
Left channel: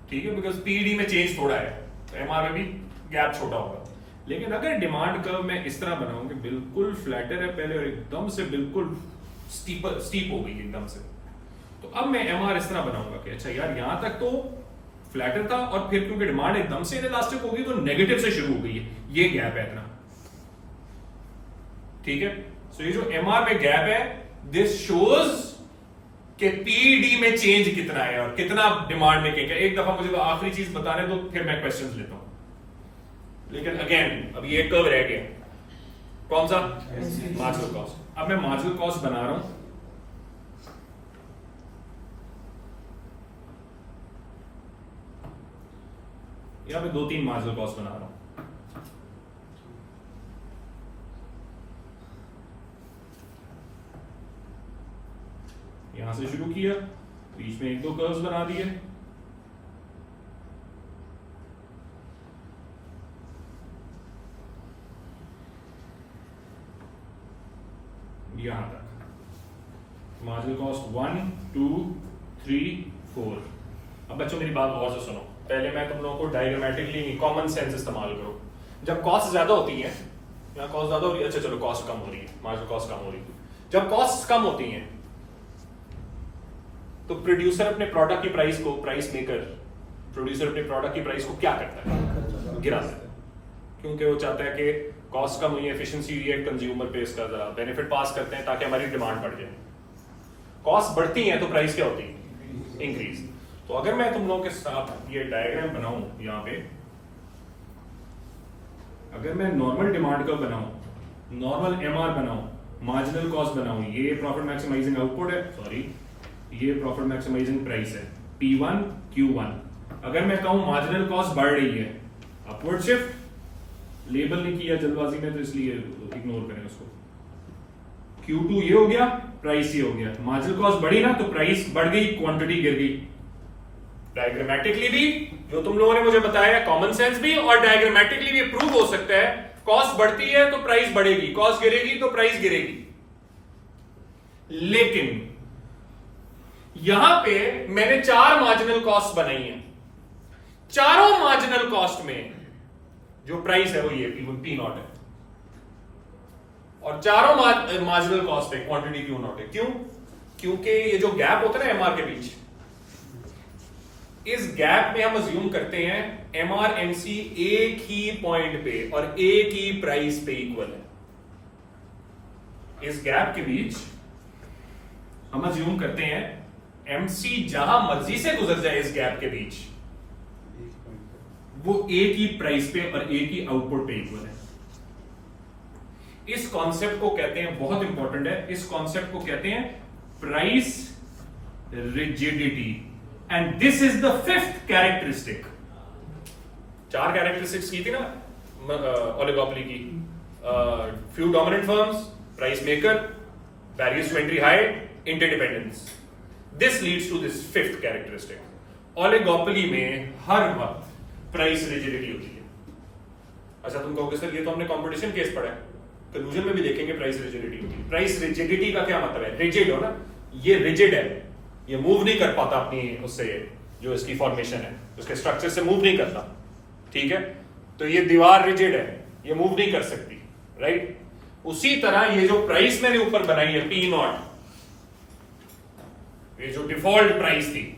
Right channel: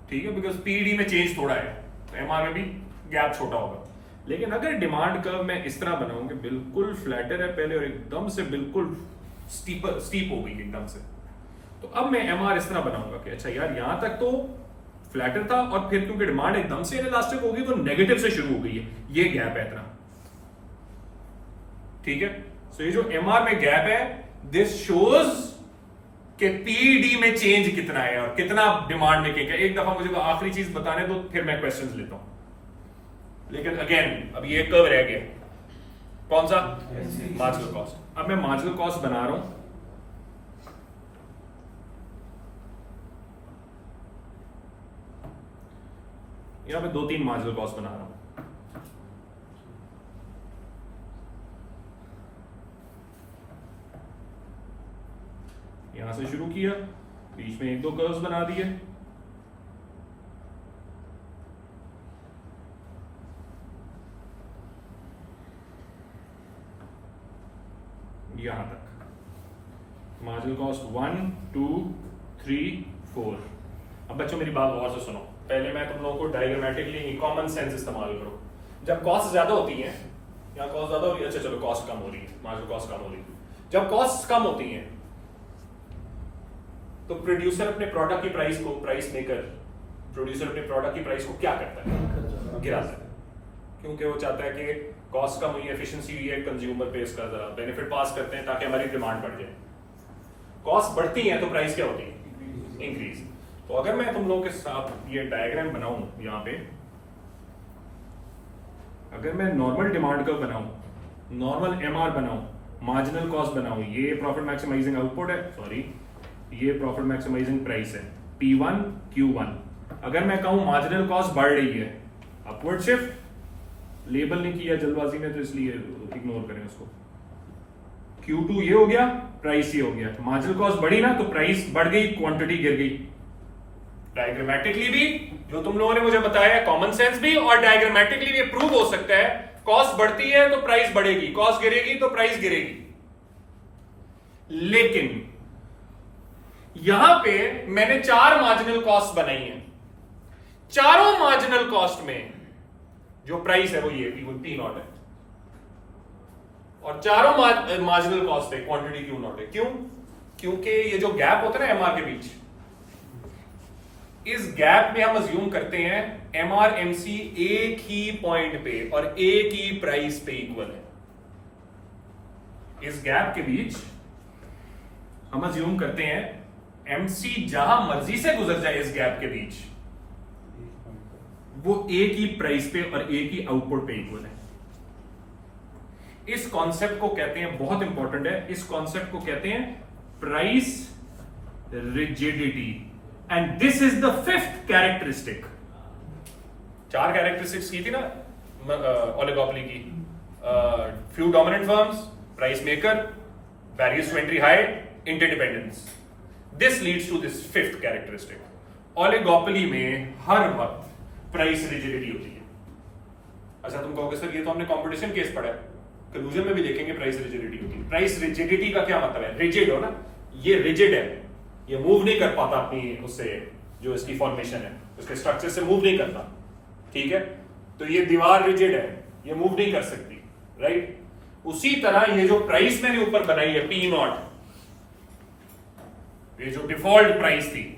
ठीक है, बिकॉज पीडी में चेंज थोड़ा है, तो एमआर में भी गैप छोटा होगा। लेकिन अगर डिमांड कर्व मैं इस तरह बनाऊं कि बिल्कुल फ्लैटर है पहले और एकदम से बिल्कुल स्टीप हो गई एकदम से, तो अब मैं एमआर इस तरह बनाऊंगा कि अच्छा यार यहां तक तो फ्लैटर था और फिर क्योंकि डिमांड एकदम से इलास्टिक होगी तो नेगेटिव से शुरू हो गई है, ये गैप है इतना, ठीक है। सो ये जो एमआर में गैप है, दिस शोज कि पीडी में चेंज कितना है और कितना डिमांड में क्या। एक दफा मुझे तो आखिरी चीज बताने दो, फिर मैं क्वेश्चंस लेता हूं। लेकिन अगेन अब ये कर्व रह गया, कौन सा, मार्जिनल कॉस्ट। अब मैं मार्जिनल कॉस्ट बना रहा हूं, यहां पे 2-3 मार्जिनल कॉस्ट बना रहा हूं। यहां से शुरू किया, बीच में 1-2 कर्व्स बना दिए, यहां तक मार्जिनल कॉस्ट 1, 2, 3, 4। अब बच्चों मेरी बात गौर से सुनो, पहले मैं तुम लोगों को डायग्रामेटिकली कॉमन सेंस इस्तेमाल करो। जब कॉस्ट ज्यादा होती है, यहाँ कॉस्ट ज्यादा हो रही है, अच्छा चलो कॉस्ट कम हो रही है, मार्जिनल कॉस्ट कम हो रही है। जब कॉस्ट कम होती हैं तो प्रोड्यूसर अपने प्रोडक्ट की प्राइस को, प्राइस मेकर प्रोड्यूसर अपने प्रोडक्ट की प्राइस को क्या करता है, गिराता है, क्योंकि वो चाहता है कि कॉस्ट कम हुई है, एफिशिएंसी हुई है, कंज्यूमर पे इसका बेनिफिट पास करते हैं ताकि हमारी डिमांड बढ़ जाए। कॉस्ट बढ़ती है तो प्राइस क्या होती है, इंक्रीज। तो अगर मैं तुम लोगों के साथ ये डायग्राम बनाऊं, यहां पे अगर मैं नॉर्मल डिमांड का बनाऊं, नॉर्मल एमआर बनाऊं, मार्जिनल कॉस्ट बनाऊं, ये प्रॉफिट मैक्सिमाइजिंग आउटपुट है, सॉरी ये प्रॉफिट मैक्सिमाइजिंग प्राइस है P1 Q1। अगर मैं कहूं मार्जिनल कॉस्ट बढ़ रही है, अपवर्ड शिफ्ट, लेबल नहीं किया जल्दबाजी में तो इसलिए इग्नोर करें उसको। Q2 ये हो गया, प्राइस ये हो गया, मार्जिनल कॉस्ट बढ़ी ना तो प्राइस बढ़ गई, क्वांटिटी गिर गई। डायग्रामेटिकली भी जो तुम लोगों ने मुझे बताया, कॉमन सेंस भी, और डायग्रामेटिकली भी प्रूव हो सकता है, कॉस्ट बढ़ती है तो प्राइस बढ़ेगी, कॉस्ट गिरेगी तो प्राइस गिरेगी। लेकिन यहां पे मैंने 4 मार्जिनल कॉस्ट बनाई है, चारों मार्जिनल कॉस्ट में जो प्राइस है वो ये P0 है। और चारों मार्जिनल कॉस्ट है, क्वांटिटी क्यू नॉट है। क्यों? क्योंकि ये जो गैप होता है ना एमआर के बीच, इस गैप में हम अज्यूम करते हैं एमआर एमसी एक ही पॉइंट पे और एक ही प्राइस पे इक्वल है। इस गैप के बीच हम अज्यूम करते हैं एमसी जहां मर्जी से गुजर जाए इस गैप के बीच, वो एक ही प्राइस पे और एक ही आउटपुट पे इक्वल है। इस कॉन्सेप्ट को कहते हैं, बहुत इंपॉर्टेंट है, इस कॉन्सेप्ट को कहते हैं price rigidity, and this is the fifth characteristic. 4 characteristics की थी ना ओलिगोपोली की, few dominant firms, price maker, barriers to entry high, interdependence. This leads to this fifth characteristic. Oligopoly में हर वक्त प्राइस रिजिडिटी होती है। अच्छा, तुम कहोगे सर ये तो हमने कंपटीशन केस पढ़ा है, कंक्लूजन में भी देखेंगे प्राइस रिजिडिटी होती है। प्राइस रिजिडिटी का क्या मतलब है? रिजिड हो ना, ये रिजिड है, ये मूव नहीं कर पाता अपनी उससे, जो इसकी फॉर्मेशन है उसके स्ट्रक्चर से मूव नहीं करता, ठीक है? तो ये दीवार रिजिड है, ये मूव नहीं कर सकती, राइट? उसी तरह ये जो प्राइस मैंने ऊपर बनाई है पी नॉट, ये जो डिफॉल्ट प्राइस थी,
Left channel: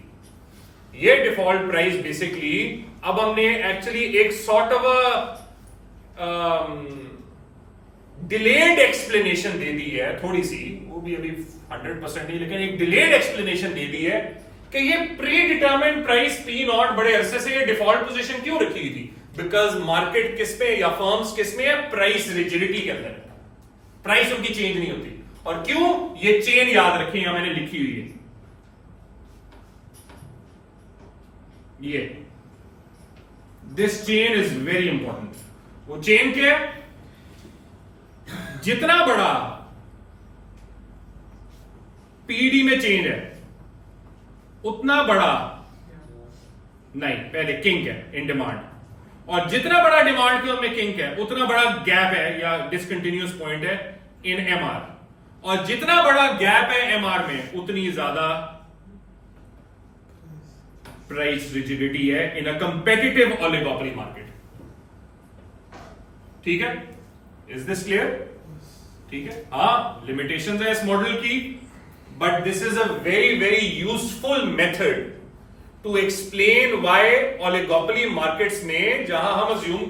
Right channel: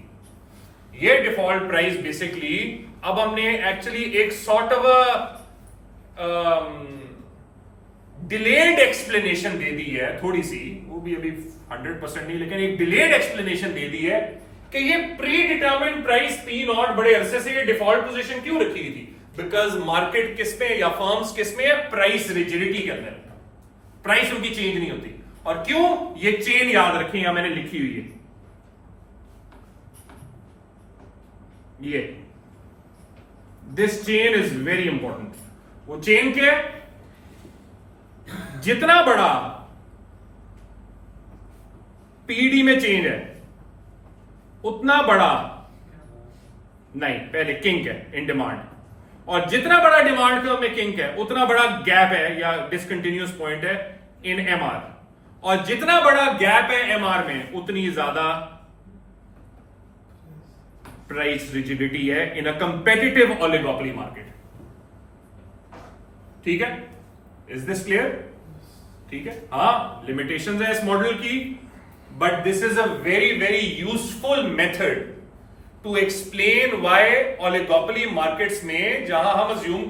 ये डिफॉल्ट प्राइस बेसिकली अब हमने एक्चुअली एक सॉर्ट ऑफ डिलेड एक्सप्लेनेशन दे दी है, थोड़ी सी, वो भी अभी 100% नहीं, लेकिन एक डिलेड एक्सप्लेनेशन दे दी है कि ये pre determined price P not बड़े अरसे से ये डिफॉल्ट पोजीशन क्यों रखी थी? बिकॉज मार्केट किस पे या फर्म्स किस में है? प्राइस रिजिडिटी के अंदर। प्राइस उनकी चेंज नहीं होती। और क्यों? ये चेन याद रखें, यहां मैंने लिखी हुई है, ये this chain is very important. वो चेन क्या है? जितना बड़ा पीडी में चेंज है उतना बड़ा नहीं, पहले किंक है इन डिमांड, और जितना बड़ा डिमांड में किंक है उतना बड़ा गैप है या डिसकंटिन्यूअस पॉइंट है इन एमआर, और जितना बड़ा गैप है एमआर में उतनी ज्यादा प्राइस रिजिडिटी है in a competitive oligopoly market. ठीक है? Is this clear? ठीक है? हाँ, लिमिटेशंस है इस मॉडल की, but this is a very very useful method to explain why oligopoly markets में, जहां हम अज्यूम,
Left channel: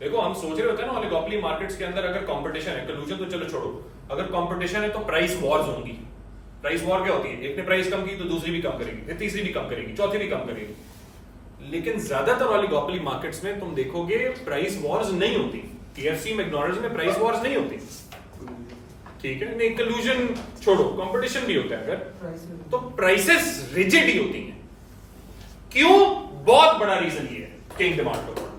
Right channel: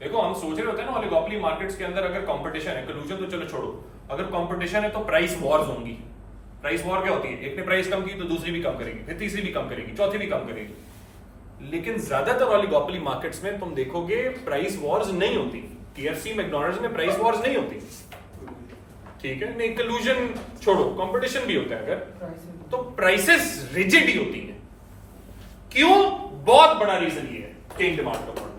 देखो हम सोच रहे होते हैं ना ओलिगोपोली मार्केट्स के अंदर अगर कंपटीशन है, कंक्लूजन तो चलो छोड़ो, अगर कंपटीशन है तो प्राइस वॉर्स होंगी। प्राइस वॉर क्या होती है? एक ने प्राइस कम की तो दूसरी भी कम करेगी, फिर तीसरी भी कम करेगी, चौथी भी कम करेगी। लेकिन ज्यादातर ओलिगोपोली मार्केट्स में तुम देखोगे प्राइस वॉर्स नहीं होती। केएफसी, मैकडॉनल्ड्स में प्राइस वॉर्स नहीं होती, ठीक है? नहीं, कंक्लूजन छोड़ो, कंपटीशन भी होता है अगर, तो प्राइसेस रिजिड ही होती है। क्यों? बहुत बड़ा रीजन ये है किंग डिमांड का मॉडल,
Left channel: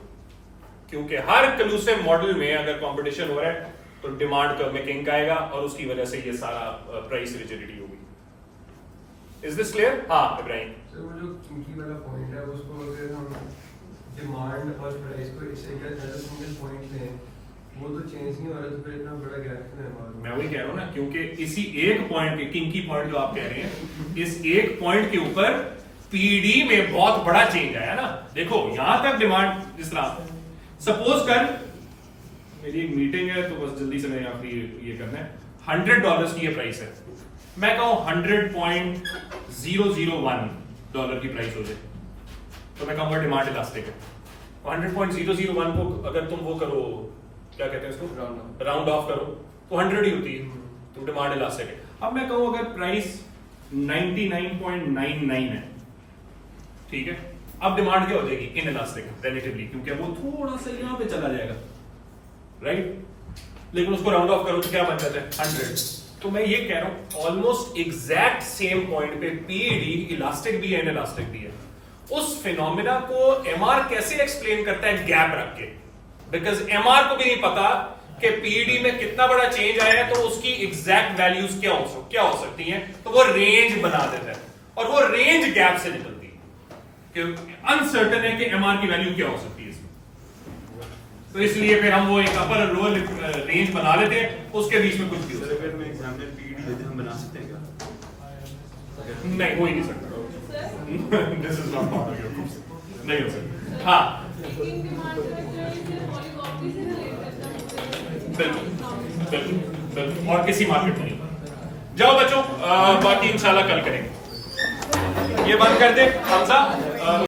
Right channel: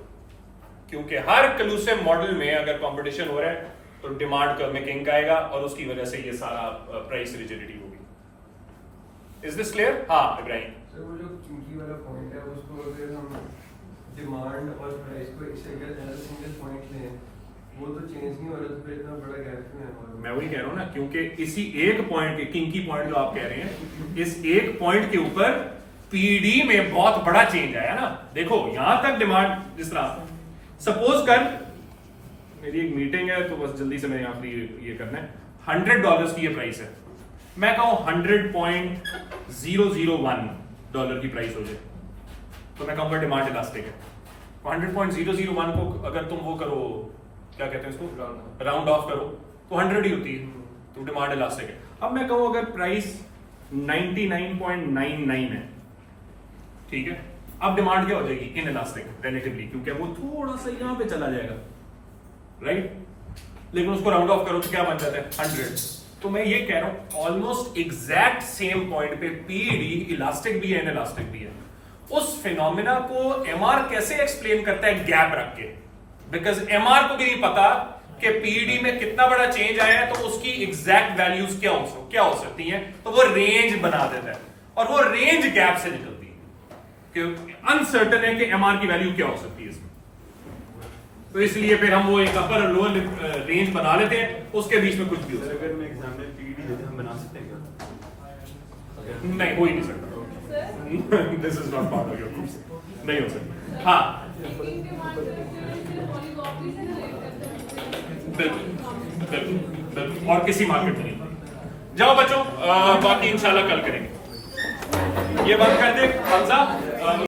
क्योंकि हर कंक्लूसिव मॉडल में अगर कंपटीशन हो रहा है तो डिमांड में किंग आएगा और उसकी वजह से ये सारा प्राइस रिजिडिटी होगी। Is this clear? हाँ इब्राहिम। सर, वो जो किंकी वाला पॉइंट है उसको अगर हम डिमांड और प्राइस को एक सिंगल पॉइंट लें, वो तो चेंज नहीं हो रहा, तो फिर इतना बड़ा गैप क्यों है? मैं वही कह रहा हूं ना, क्योंकि इसी एक पॉइंट के, किंकी पॉइंट जो आप कह रहे हैं, इस एक पॉइंट के ऊपर पीडी में बहुत बड़ा चेंज आया ना। देखो यहां तक डिमांड, जिस तरह सपोज कर मेरी एक मीटिंग है तो बस जल्दी से मैं यहां पर ये करना है, $100 की ये प्राइस है, मैं कहूं $100.001 की प्राइस हो जाए तो मैं कहूंगा डिमांड इलास्टिक है। 100.001 को अगर तुम वो करो, क्या कहते हैं इसको, राउंड ऑफ करो तो 100 ही होती है, तो डिमांड इलास्टिक है। अब मैं कहूं अगर प्राइस 99.99 है, ठीक है, अब डिमांड क्या हो जाएगी? इन इलास्टिक रिलेटिवली, क्योंकि वो थोड़ा सा यहां पे चला जाएगा, राइट? लेकिन उसको राउंड ऑफ करो तो क्या बन जाता है? 100। तो मैं ये कह रहा हूं ऑलमोस्ट एग्जैक्ट सेम पॉइंट पे पीडी इलास्टिक भी है, इन इलास्टिक भी है। उस फिनोमिना को एमआर कैसे एक्सप्लेन करता है? गैप रख के, बिकॉज एमआर को भी नहीं पता कि पीडी में कितना बड़ा चेंज आया है तो उसकी एग्जैक्ट वैल्यूज क्या हो सकती हैं, तो वो रेंज बना देता है, और वो रेंज गैप से निकलती है कि अनसर्टेन है कि एमआर की वैल्यू क्या हो सकती है इसमें। तो इसलिए फिर हम वो एक अपर और लोअर रेंज बना लेते हैं, उसके बीच में कुछ भी हो सकता है। अगर मैं एग्जामिनर पीडी लेते हम बना सकते हैं क्या? नहीं, हो ही नहीं सकता। This is not part of your course, नहीं हो सकता। हाँ बिल्कुल बिल्कुल बिल्कुल, और किसी मार्केट में नहीं। जाओ बच्चों, बाकी इंशाल्लाह कल करेंगे। ये बंद कर दे हमजा।